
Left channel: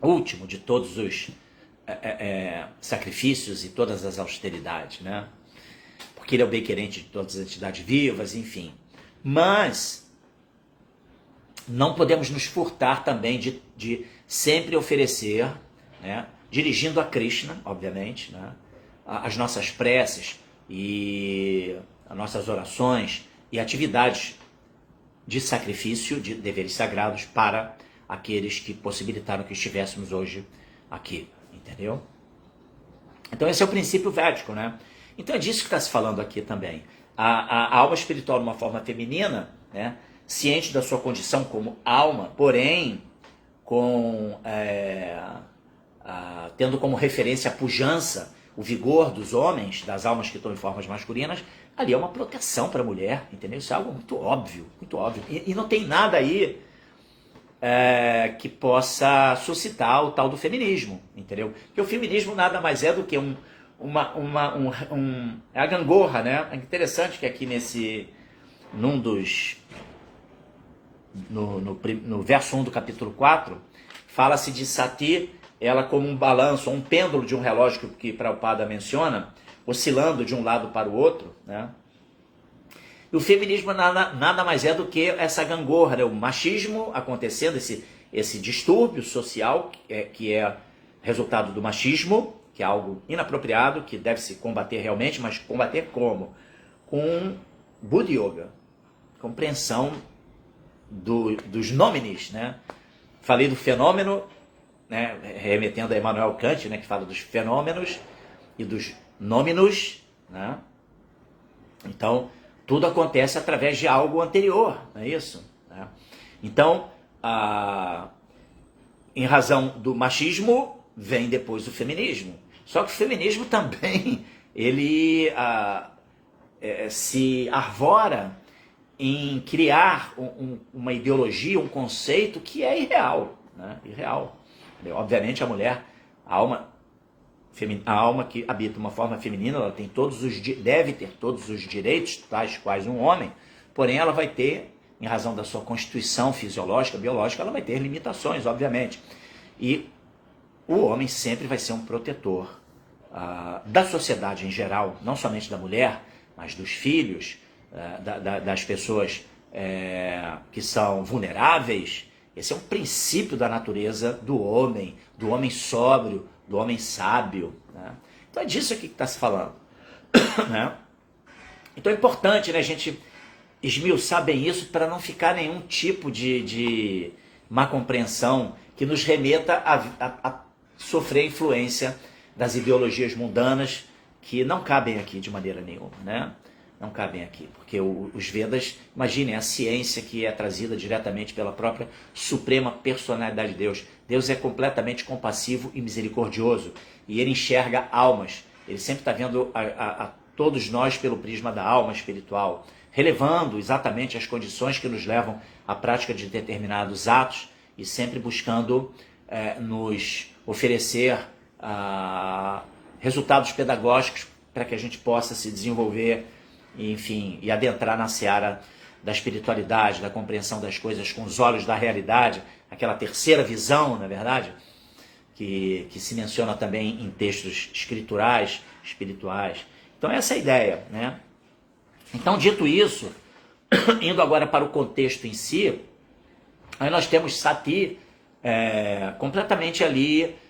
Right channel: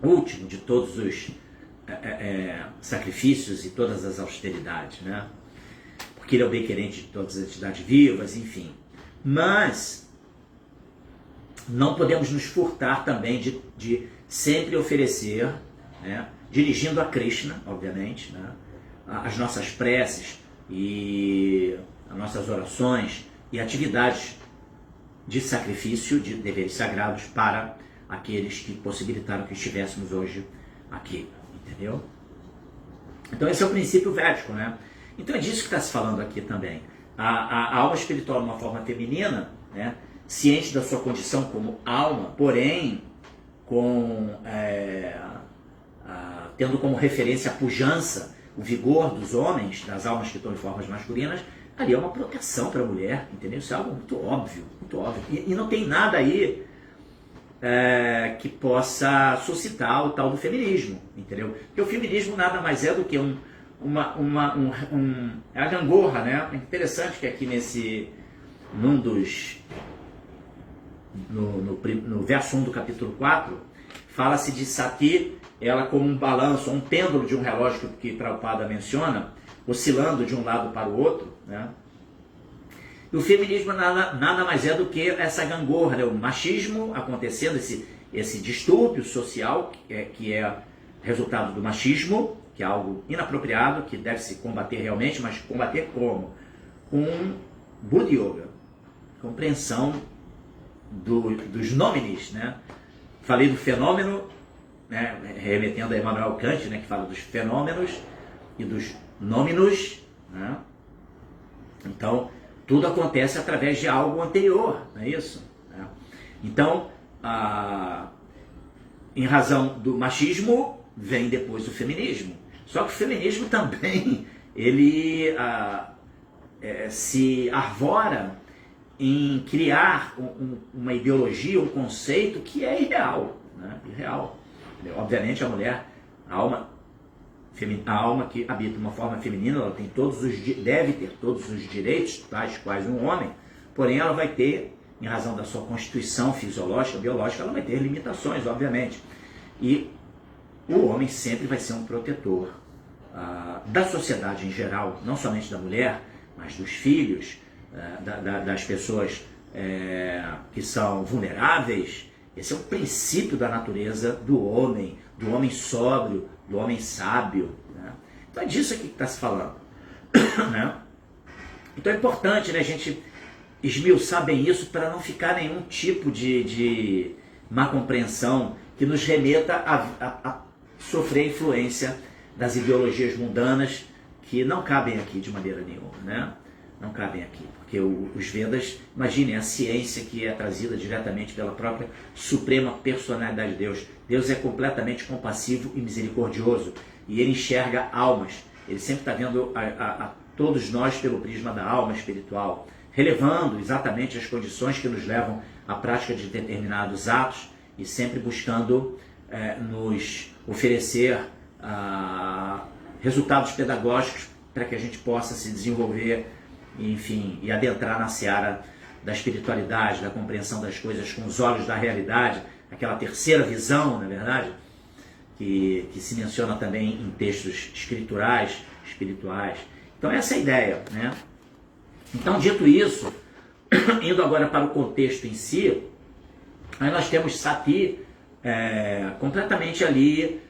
último de todos os sacrifícios e todas as austeridades, né? Porque ele é o bem querente de todas as entidades vivas, enfim. Mas não podemos nos furtar também de sempre oferecer, né? Dirigindo a Krishna, obviamente, né? As nossas preces e as nossas orações e atividades de sacrifício, de deveres sagrados para aqueles que possibilitaram que estivéssemos hoje aqui, entendeu? Então esse é o princípio védico, né? Então é disso que está se falando aqui também. A alma espiritual de uma forma feminina, né? Ciente da sua condição como alma, porém tendo como referência a pujança, o vigor dos homens, das almas que estão em formas masculinas, ali é uma proteção para a mulher, entendeu? Isso é algo muito óbvio, muito óbvio. E não tem nada aí que possa suscitar o tal do feminismo, entendeu? Porque o feminismo nada mais é do que é a gangorra, né? É interessante que aqui no verso 1 do capítulo 4, fala-se de Sati, ela como um balanço, um pêndulo de um relógio que Prabhupada menciona, oscilando de um lado para o outro, né? E o feminismo nada mais é do que essa gangorra, né? O machismo acontecendo, esse distúrbio social que é resultado do machismo, que é algo inapropriado, que deve se combater realmente, mas combater como? Com Buddha Yoga, compreensão dos nominis, né? Falei do fenômeno, né? Remetendo a Immanuel Kant, né? Que fala dos fenômenos e dos nôminos, né? Então, tudo acontece através de algo anterior, não é isso? Então, em razão do machismo, vem depois o feminismo. Só que o feminismo também, ele se arvora em criar uma ideologia, um conceito que é irreal, né? Irreal. Obviamente a mulher, a alma que habita uma forma feminina, ela tem deve ter todos os direitos, tais quais um homem, porém ela vai ter, em razão da sua constituição fisiológica, biológica, ela vai ter limitações, obviamente. E o homem sempre vai ser um protetor da sociedade em geral, não somente da mulher, mas dos filhos, das pessoas que são vulneráveis. Esse é um princípio da natureza do homem sóbrio, do homem sábio, né? Então é disso que está se falando, né? Então é importante, né, a gente esmiuçar bem isso para não ficar nenhum tipo de má compreensão que nos remeta a sofrer a influência das ideologias mundanas que não cabem aqui de maneira nenhuma, né? Não cabem aqui, porque os Vedas, imaginem, a ciência que é trazida diretamente pela própria suprema personalidade de Deus. Deus é completamente compassivo e misericordioso, e ele enxerga almas, ele sempre está vendo a todos nós pelo prisma da alma espiritual, relevando exatamente as condições que nos levam à prática de determinados atos e sempre buscando nos oferecer resultados pedagógicos para que a gente possa se desenvolver, enfim, e adentrar na seara da espiritualidade, da compreensão das coisas com os olhos da realidade, aquela terceira visão, na verdade, que se menciona também em textos escriturais, espirituais. Então essa é a ideia, né? Então, dito isso, indo agora para o contexto em si, aí nós temos Sati completamente ali,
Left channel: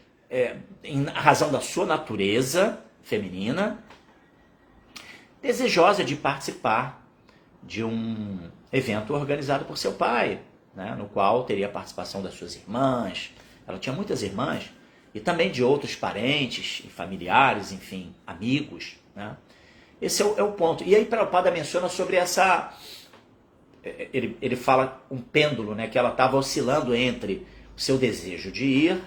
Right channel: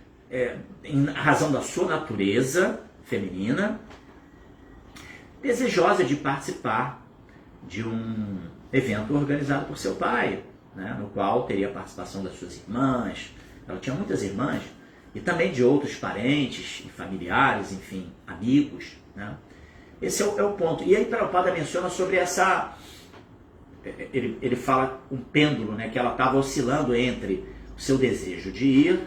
em razão da sua natureza feminina, desejosa de participar de um evento organizado por seu pai, né, no qual teria a participação das suas irmãs. Ela tinha muitas irmãs, e também de outros parentes, familiares, enfim, amigos, né? Esse é o ponto. E aí Prabhupada menciona sobre essa... Ele fala um pêndulo, né, que ela estava oscilando entre o seu desejo de ir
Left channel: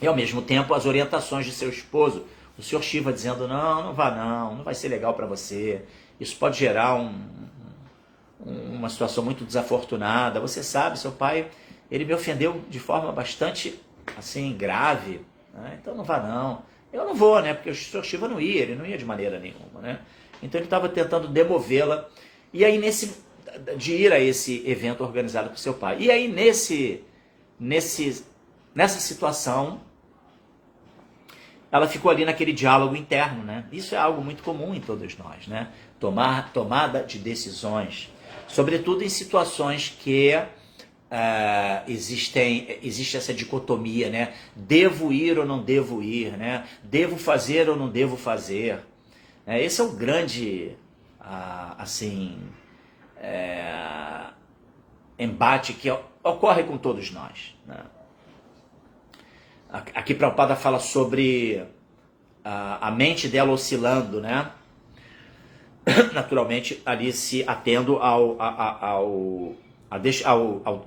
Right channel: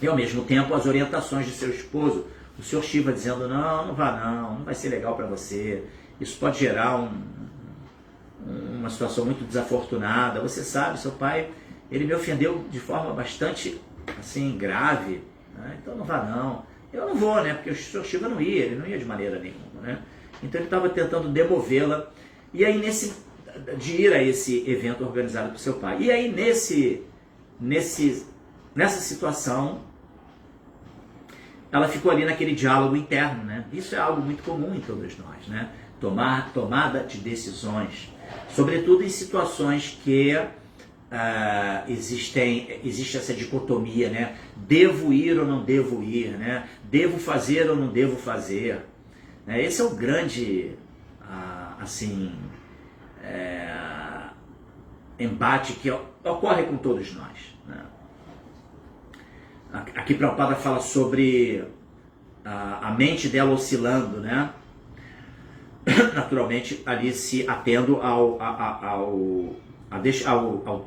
e, ao mesmo tempo, as orientações de seu esposo, o Sr. Shiva, dizendo, não vá não vai ser legal para você, isso pode gerar uma situação muito desafortunada. Você sabe, seu pai, ele me ofendeu de forma bastante, assim, grave, né? Então não vá não. Eu não vou, né, porque o Sr. Shiva não ia, ele não ia de maneira nenhuma, né? Então ele estava tentando demovê-la, e aí de ir a esse evento organizado por seu pai. E aí nessa situação, ela ficou ali naquele diálogo interno, né? Isso é algo muito comum em todos nós, né? Tomada de decisões, sobretudo em situações que existe essa dicotomia, né? Devo ir ou não devo ir, né? Devo fazer ou não devo fazer. Esse é o grande, embate que ocorre com todos nós, né? Aqui Prabhupada fala sobre a mente dela oscilando, né? Naturalmente ali se atendo ao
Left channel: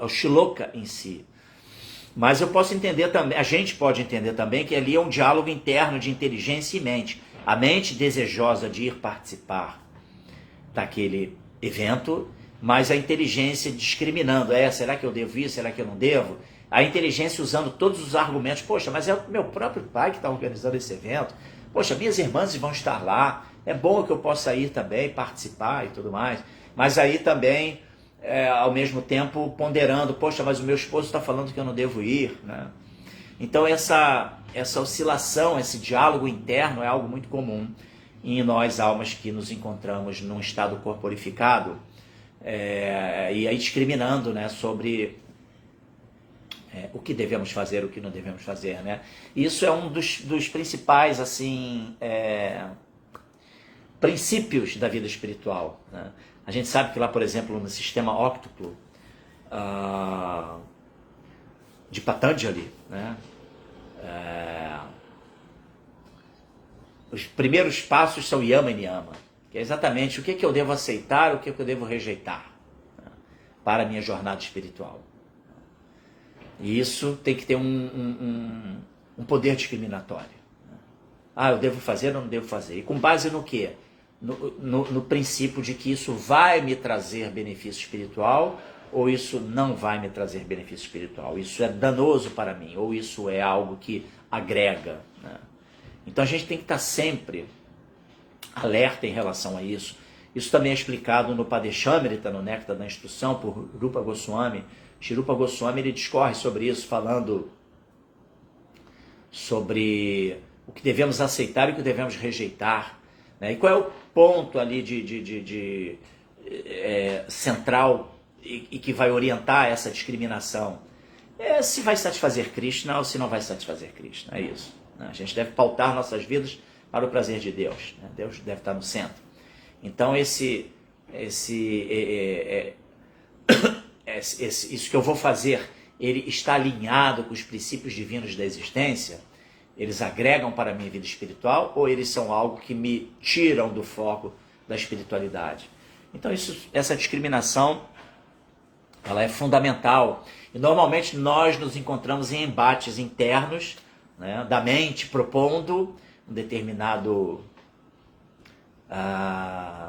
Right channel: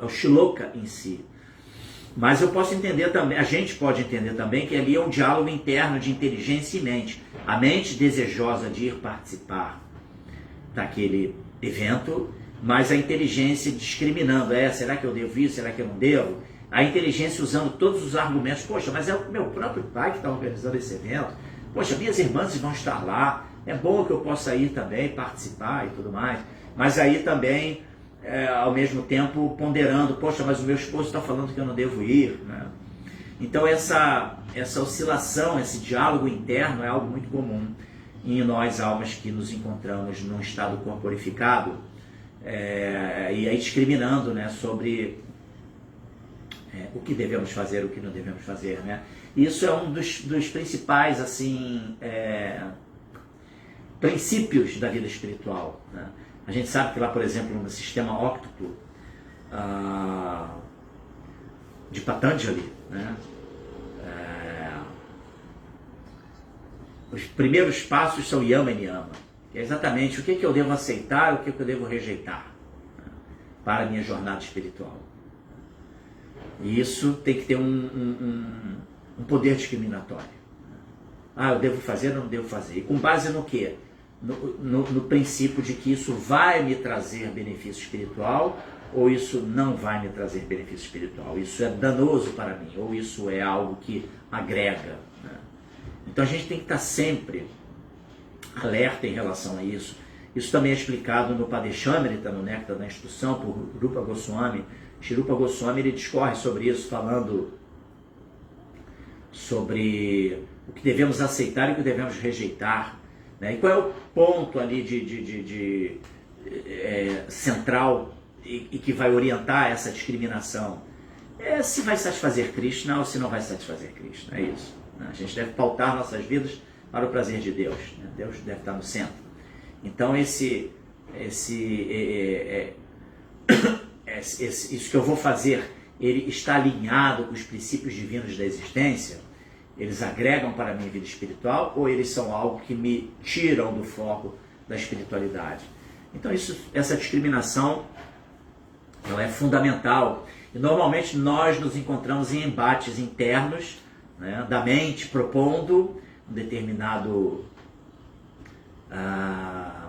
shloka em si. Mas eu posso entender também, a gente pode entender também que ali é um diálogo interno de inteligência e mente. A mente desejosa de ir participar daquele evento, mas a inteligência discriminando, será que eu devo ir, será que eu não devo? A inteligência usando todos os argumentos, poxa, mas é o meu próprio pai que está organizando esse evento, poxa, minhas irmãs vão estar lá, é bom que eu possa ir também, participar e tudo mais, mas aí também, ao mesmo tempo, ponderando, poxa, mas o meu esposo está falando que eu não devo ir, né? Então essa oscilação, esse diálogo interno é algo muito comum em nós, almas que nos encontramos num estado corporificado, e aí discriminando, né, sobre o que devemos fazer, o que não devemos fazer, né? Isso é um dos principais, assim, princípios da vida espiritual, né? A gente sabe que lá, por exemplo, no sistema óctuplo de Patanjali, né, os primeiros passos são yama e niyama, que é exatamente o que eu devo aceitar, o que eu devo rejeitar, né, para a minha jornada espiritual. E isso tem que ter um poder discriminatório. Eu devo fazer ou não devo fazer? E com base no quê? No princípio de que isso vai me trazer benefício espiritual ou isso não vai me trazer benefício espiritual. Isso é danoso para mim ou isso é algo que agrega, né? Então a gente tem que estar sempre alerta em relação a isso. Isso também é explicado no Padeshamrita, no Néctar da Instrução, por Rupa Goswami. Shri Rupa Goswami, ele discorre sobre isso, falando sobre o que devemos aceitar e o que devemos rejeitar né? E qual é o ponto ali central e que vai orientar essa discriminação? Se vai satisfazer Krishna ou se não vai satisfazer Krishna, é isso, né? A gente deve pautar nossas vidas para o prazer de Deus, né? Deus deve estar no centro. Então isso que eu vou fazer, ele está alinhado com os princípios divinos da existência? Eles agregam para a minha vida espiritual ou eles são algo que me tiram do foco da espiritualidade? Então essa discriminação, ela é fundamental. E normalmente nós nos encontramos em embates internos, né, da mente propondo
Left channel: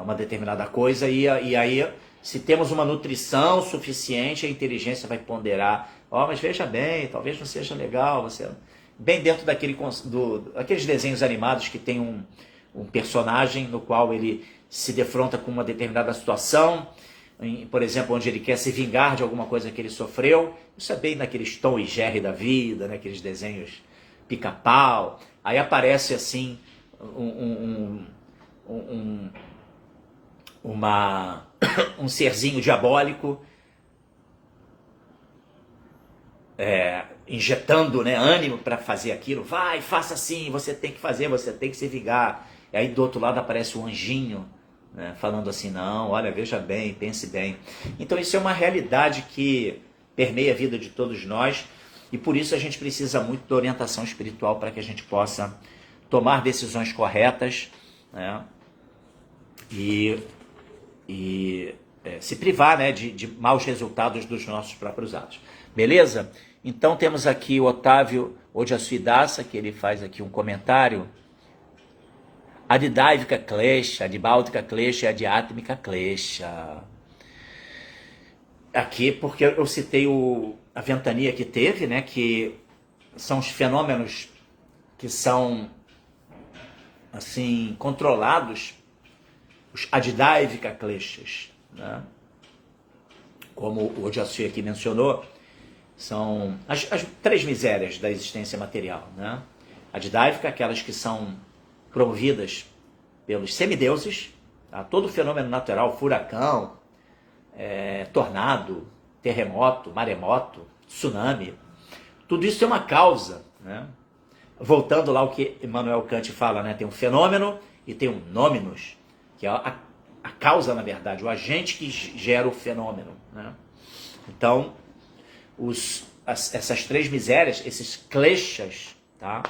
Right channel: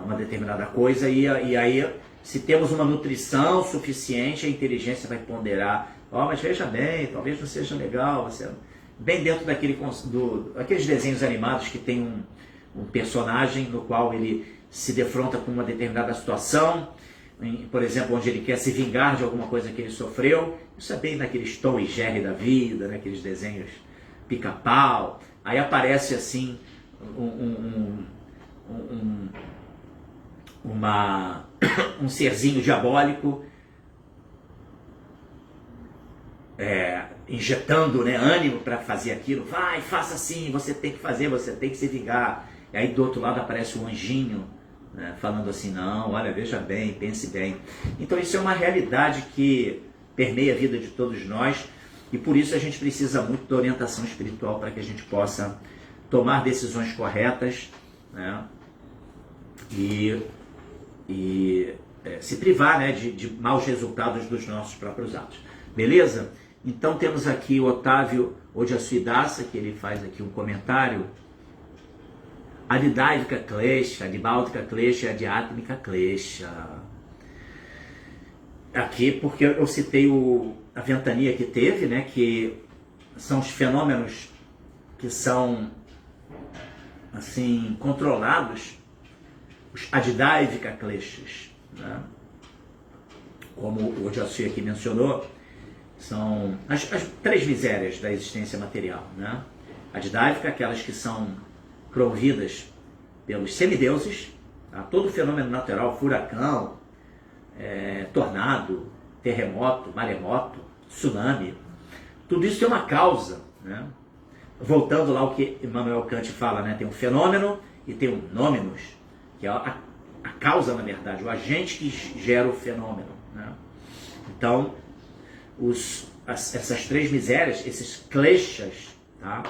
uma determinada coisa e aí, se temos uma nutrição suficiente, a inteligência vai ponderar, mas veja bem, talvez não seja legal, bem dentro aqueles desenhos animados que tem um personagem no qual ele se defronta com uma determinada situação, por exemplo, onde ele quer se vingar de alguma coisa que ele sofreu. Isso é bem naqueles Tom e Jerry da vida, né? Aqueles desenhos pica-pau. Aí aparece assim um serzinho diabólico injetando, né, ânimo para fazer aquilo. Vai, faça assim, você tem que fazer, você tem que se vingar. E aí do outro lado aparece um anjinho, né, falando assim, não, olha, veja bem, pense bem. Então isso é uma realidade que permeia a vida de todos nós e por isso a gente precisa muito da orientação espiritual para que a gente possa tomar decisões corretas, né, e se privar, né, de maus resultados dos nossos próprios atos. Beleza? Então temos aqui o Otávio Odiassuidasa, que ele faz aqui um comentário. Adidávika Klesha, Adibáltica Klesha, Adiátmica Klesha. Aqui, porque eu citei a ventania que teve, né, que são os fenômenos que são assim controlados, os Adidávika Kleshas, né? Como o Odiassu aqui mencionou, são as três misérias da existência material, né? Adidávika, aquelas que são promovidas pelos semideuses, tá? Todo fenômeno natural, furacão, tornado, terremoto, maremoto, tsunami, tudo isso tem uma causa, né? Voltando lá ao que Immanuel Kant fala, né? Tem um fenômeno e tem um nominus, que é a causa, na verdade, o agente que gera o fenômeno, né? Então, essas três misérias, esses kleshas, tá?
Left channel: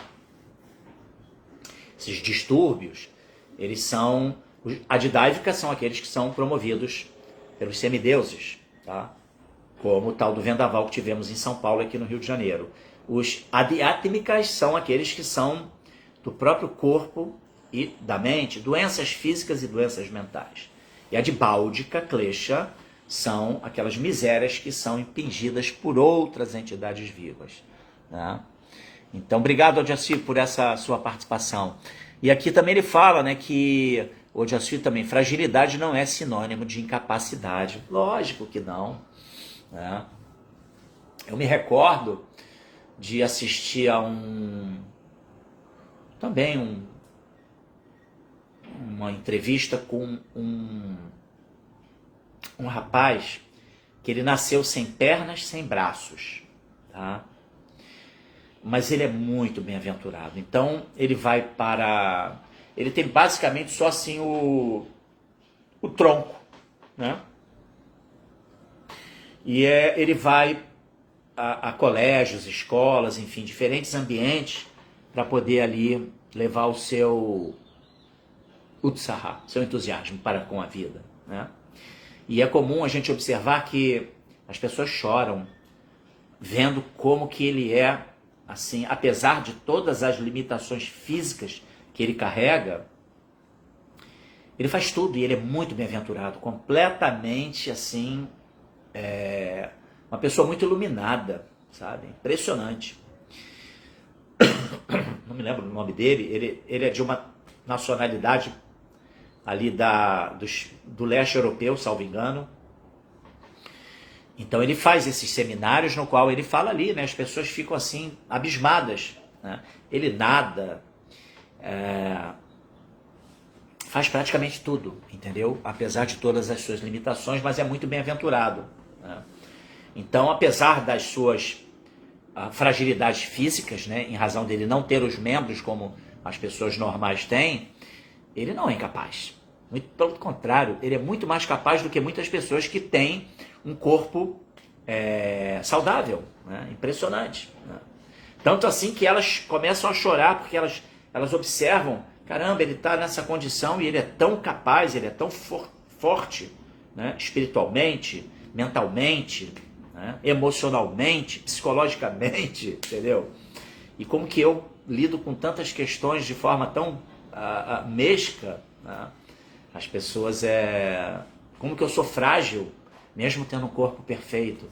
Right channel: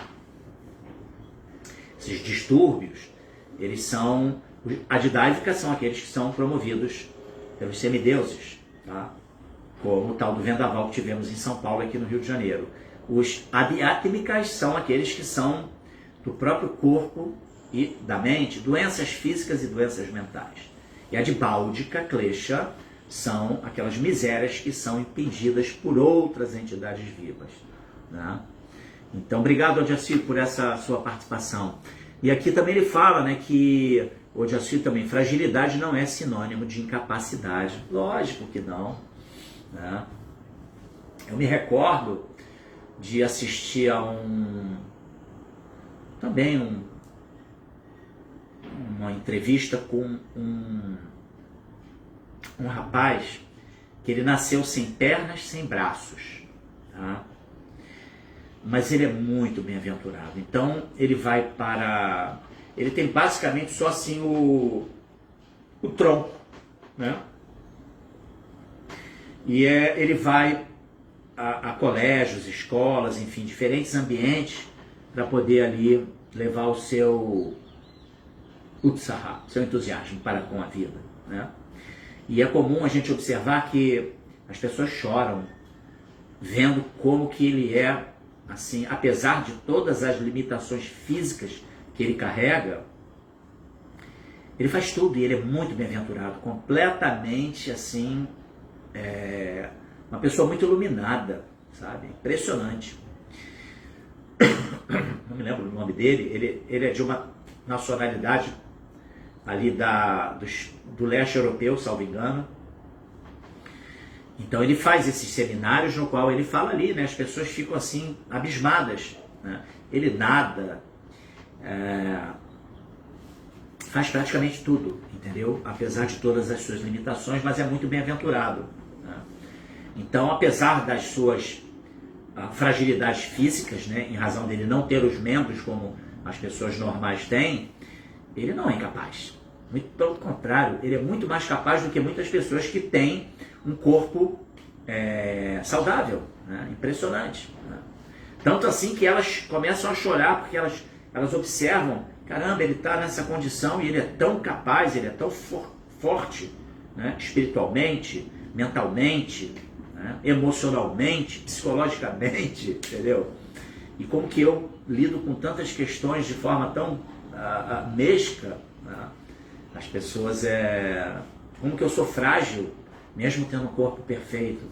Esses distúrbios, eles são... Adidávicas são aqueles que são promovidos pelos semideuses, tá? Como o tal do vendaval que tivemos em São Paulo, aqui no Rio de Janeiro. Os adiátmicas são aqueles que são do próprio corpo e da mente, doenças físicas e doenças mentais. E a dibáldica, klesha, são aquelas misérias que são impingidas por outras entidades vivas, né? Então, obrigado, Odiassu, por essa sua participação. E aqui também ele fala, né, que Odiassu também, fragilidade não é sinônimo de incapacidade. Lógico que não, né? Eu me recordo de assistir a uma entrevista com um rapaz que ele nasceu sem pernas, sem braços, tá? Mas ele é muito bem-aventurado. Então ele vai para... Ele tem basicamente só assim o tronco, né? E ele vai a colégios, escolas, enfim, diferentes ambientes para poder ali levar o seu utsaha, seu entusiasmo para com a vida, né? E é comum a gente observar que as pessoas choram vendo como que ele é, assim, apesar de todas as limitações físicas que ele carrega, ele faz tudo e ele é muito bem-aventurado, completamente, assim, uma pessoa muito iluminada, sabe? Impressionante. Não me lembro o nome dele, ele é de uma nacionalidade ali do leste europeu, salvo engano. Então ele faz esses seminários no qual ele fala ali, né? As pessoas ficam assim, abismadas, né? Ele nada, faz praticamente tudo, entendeu? Apesar de todas as suas limitações, mas é muito bem-aventurado, né? Então, apesar das suas fragilidades físicas, né, em razão dele não ter os membros como as pessoas normais têm, ele não é incapaz. Muito pelo contrário, ele é muito mais capaz do que muitas pessoas que têm um corpo saudável, né? Impressionante, né? Tanto assim que elas começam a chorar porque elas observam, caramba, ele está nessa condição e ele é tão capaz, ele é tão forte, né? Espiritualmente, mentalmente, né? Emocionalmente, psicologicamente, entendeu? E como que eu lido com tantas questões de forma tão mesca, né? As pessoas como que eu sou frágil, mesmo tendo um corpo perfeito.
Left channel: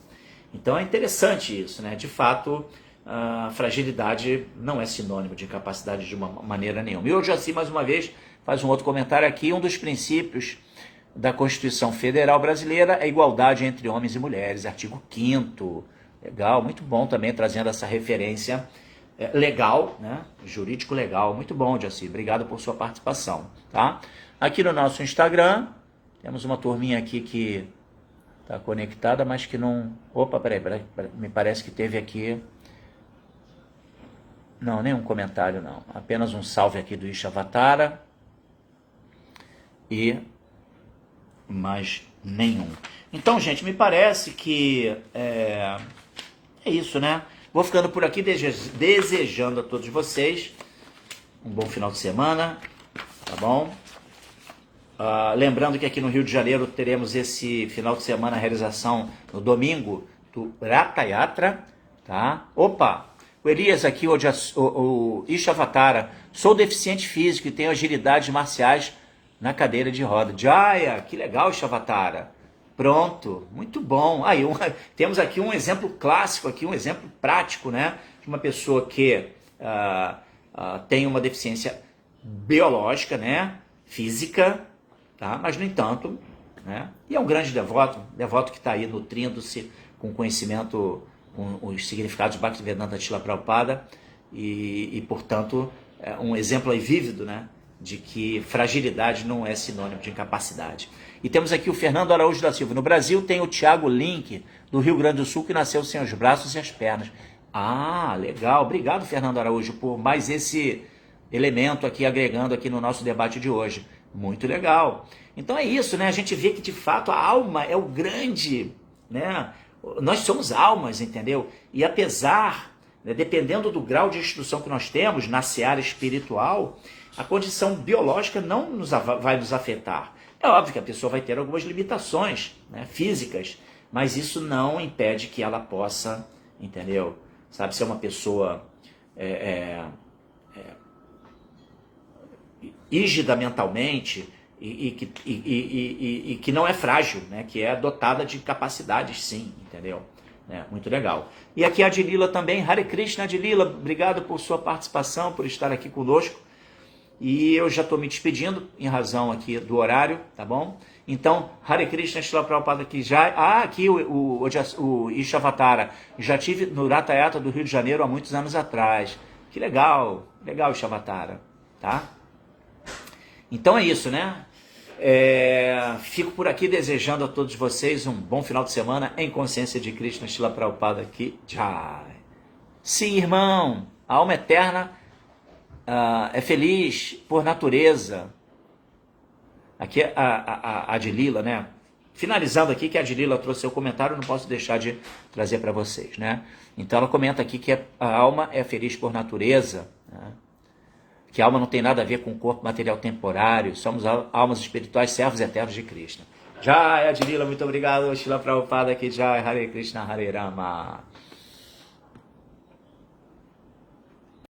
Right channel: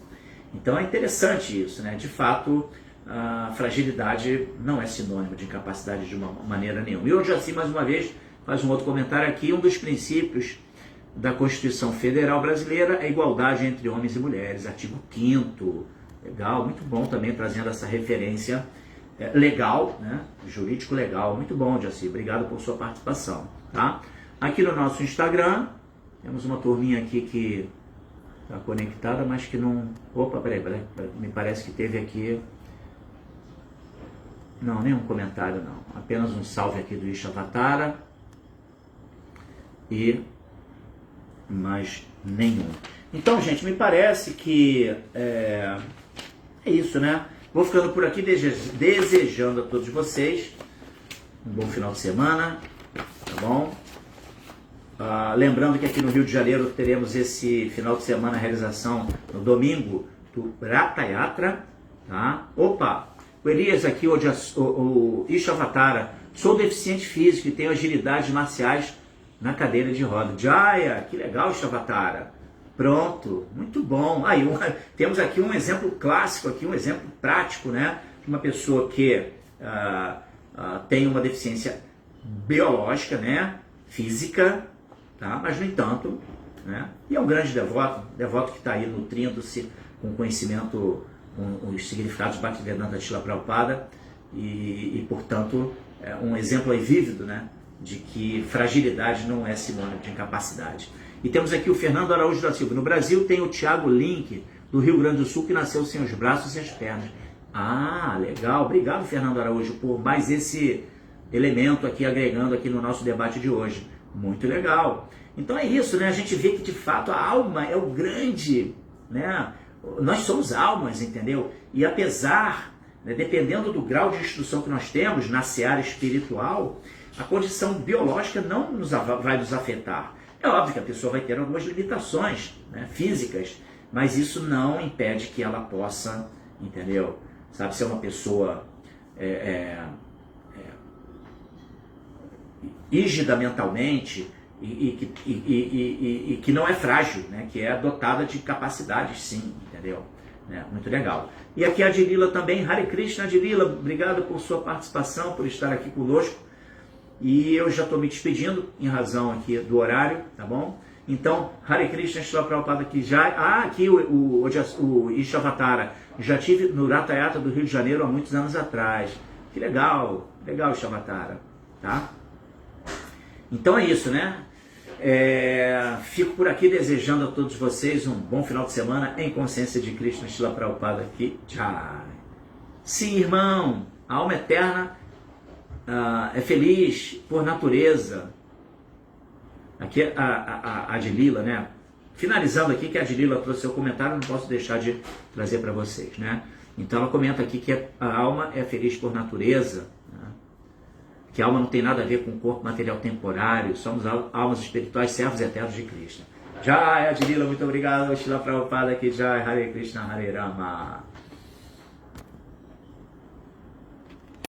Então é interessante isso, né? De fato, a fragilidade não é sinônimo de incapacidade de uma maneira nenhuma. E hoje, assim, mais uma vez, faz um outro comentário aqui. Um dos princípios da Constituição Federal Brasileira é a igualdade entre homens e mulheres, artigo 5º. Legal, muito bom também, trazendo essa referência legal, né? Jurídico legal. Muito bom, Jaci. Obrigado por sua participação, tá? Aqui no nosso Instagram, temos uma turminha aqui que está conectada, mas que não... Opa, peraí, me parece que teve aqui... Não, nenhum comentário não. Apenas um salve aqui do Ishavatara. E mais nenhum. Então, gente, me parece que é isso, né? Vou ficando por aqui desejando a todos vocês um bom final de semana, tá bom? Lembrando que aqui no Rio de Janeiro teremos esse final de semana a realização no domingo do Ratha Yatra, tá? Opa! O Elias aqui, o Ishavatara, sou deficiente físico e tenho agilidades marciais na cadeira de roda. Jaya, que legal, Ishavatara. Pronto, muito bom. Aí, temos aqui um exemplo clássico, aqui um exemplo prático, né? De uma pessoa que tem uma deficiência biológica, né? Física, tá? Mas, no entanto, né? E é um grande devoto que está aí nutrindo-se com conhecimento, com os significados do Bhaktivedanta Srila Prabhupada e, portanto, um exemplo vívido, né? De que fragilidade não é sinônimo de incapacidade. E temos aqui o Fernando Araújo da Silva. No Brasil tem o Tiago Link, do Rio Grande do Sul, que nasceu sem os braços e as pernas. Ah, legal. Obrigado, Fernando Araújo, por mais esse elemento aqui, agregando aqui no nosso debate de hoje. Muito legal. Então é isso, né? A gente vê que, de fato, a alma é o grande, né? Nós somos almas, entendeu? E apesar, né, dependendo do grau de instrução que nós temos na seara espiritual, a condição biológica não vai nos afetar. É óbvio que a pessoa vai ter algumas limitações, né, físicas, mas isso não impede que ela possa, entendeu? Sabe, ser uma pessoa rígida mentalmente e que não é frágil, né, que é dotada de capacidades, sim, entendeu? Muito legal. E aqui a Adilila também. Hare Krishna, Adilila, obrigado por sua participação, por estar aqui conosco. E eu já estou me despedindo em razão aqui do horário, tá bom? Então, Hare Krishna, Srila Prabhupada aqui já... aqui o Ishavatara. Já tive no Ratha Yatra do Rio de Janeiro há muitos anos atrás. Que legal, legal, Ishavatara, tá? Então é isso, né? Fico por aqui desejando a todos vocês um bom final de semana em consciência de Krishna, Srila Prabhupada aqui. Jai. Sim, irmão, a alma eterna é feliz por natureza. Aqui a Adilila, né? Finalizando aqui que a Adilila trouxe seu comentário, não posso deixar de trazer para vocês, né? Então ela comenta aqui que a alma é feliz por natureza, né? Que a alma não tem nada a ver com o corpo material temporário, somos almas espirituais, servos eternos de Krishna. Jai, Adilila, muito obrigado. Srila Prabhupada aqui, Jai, Hare Krishna, Hare Rama.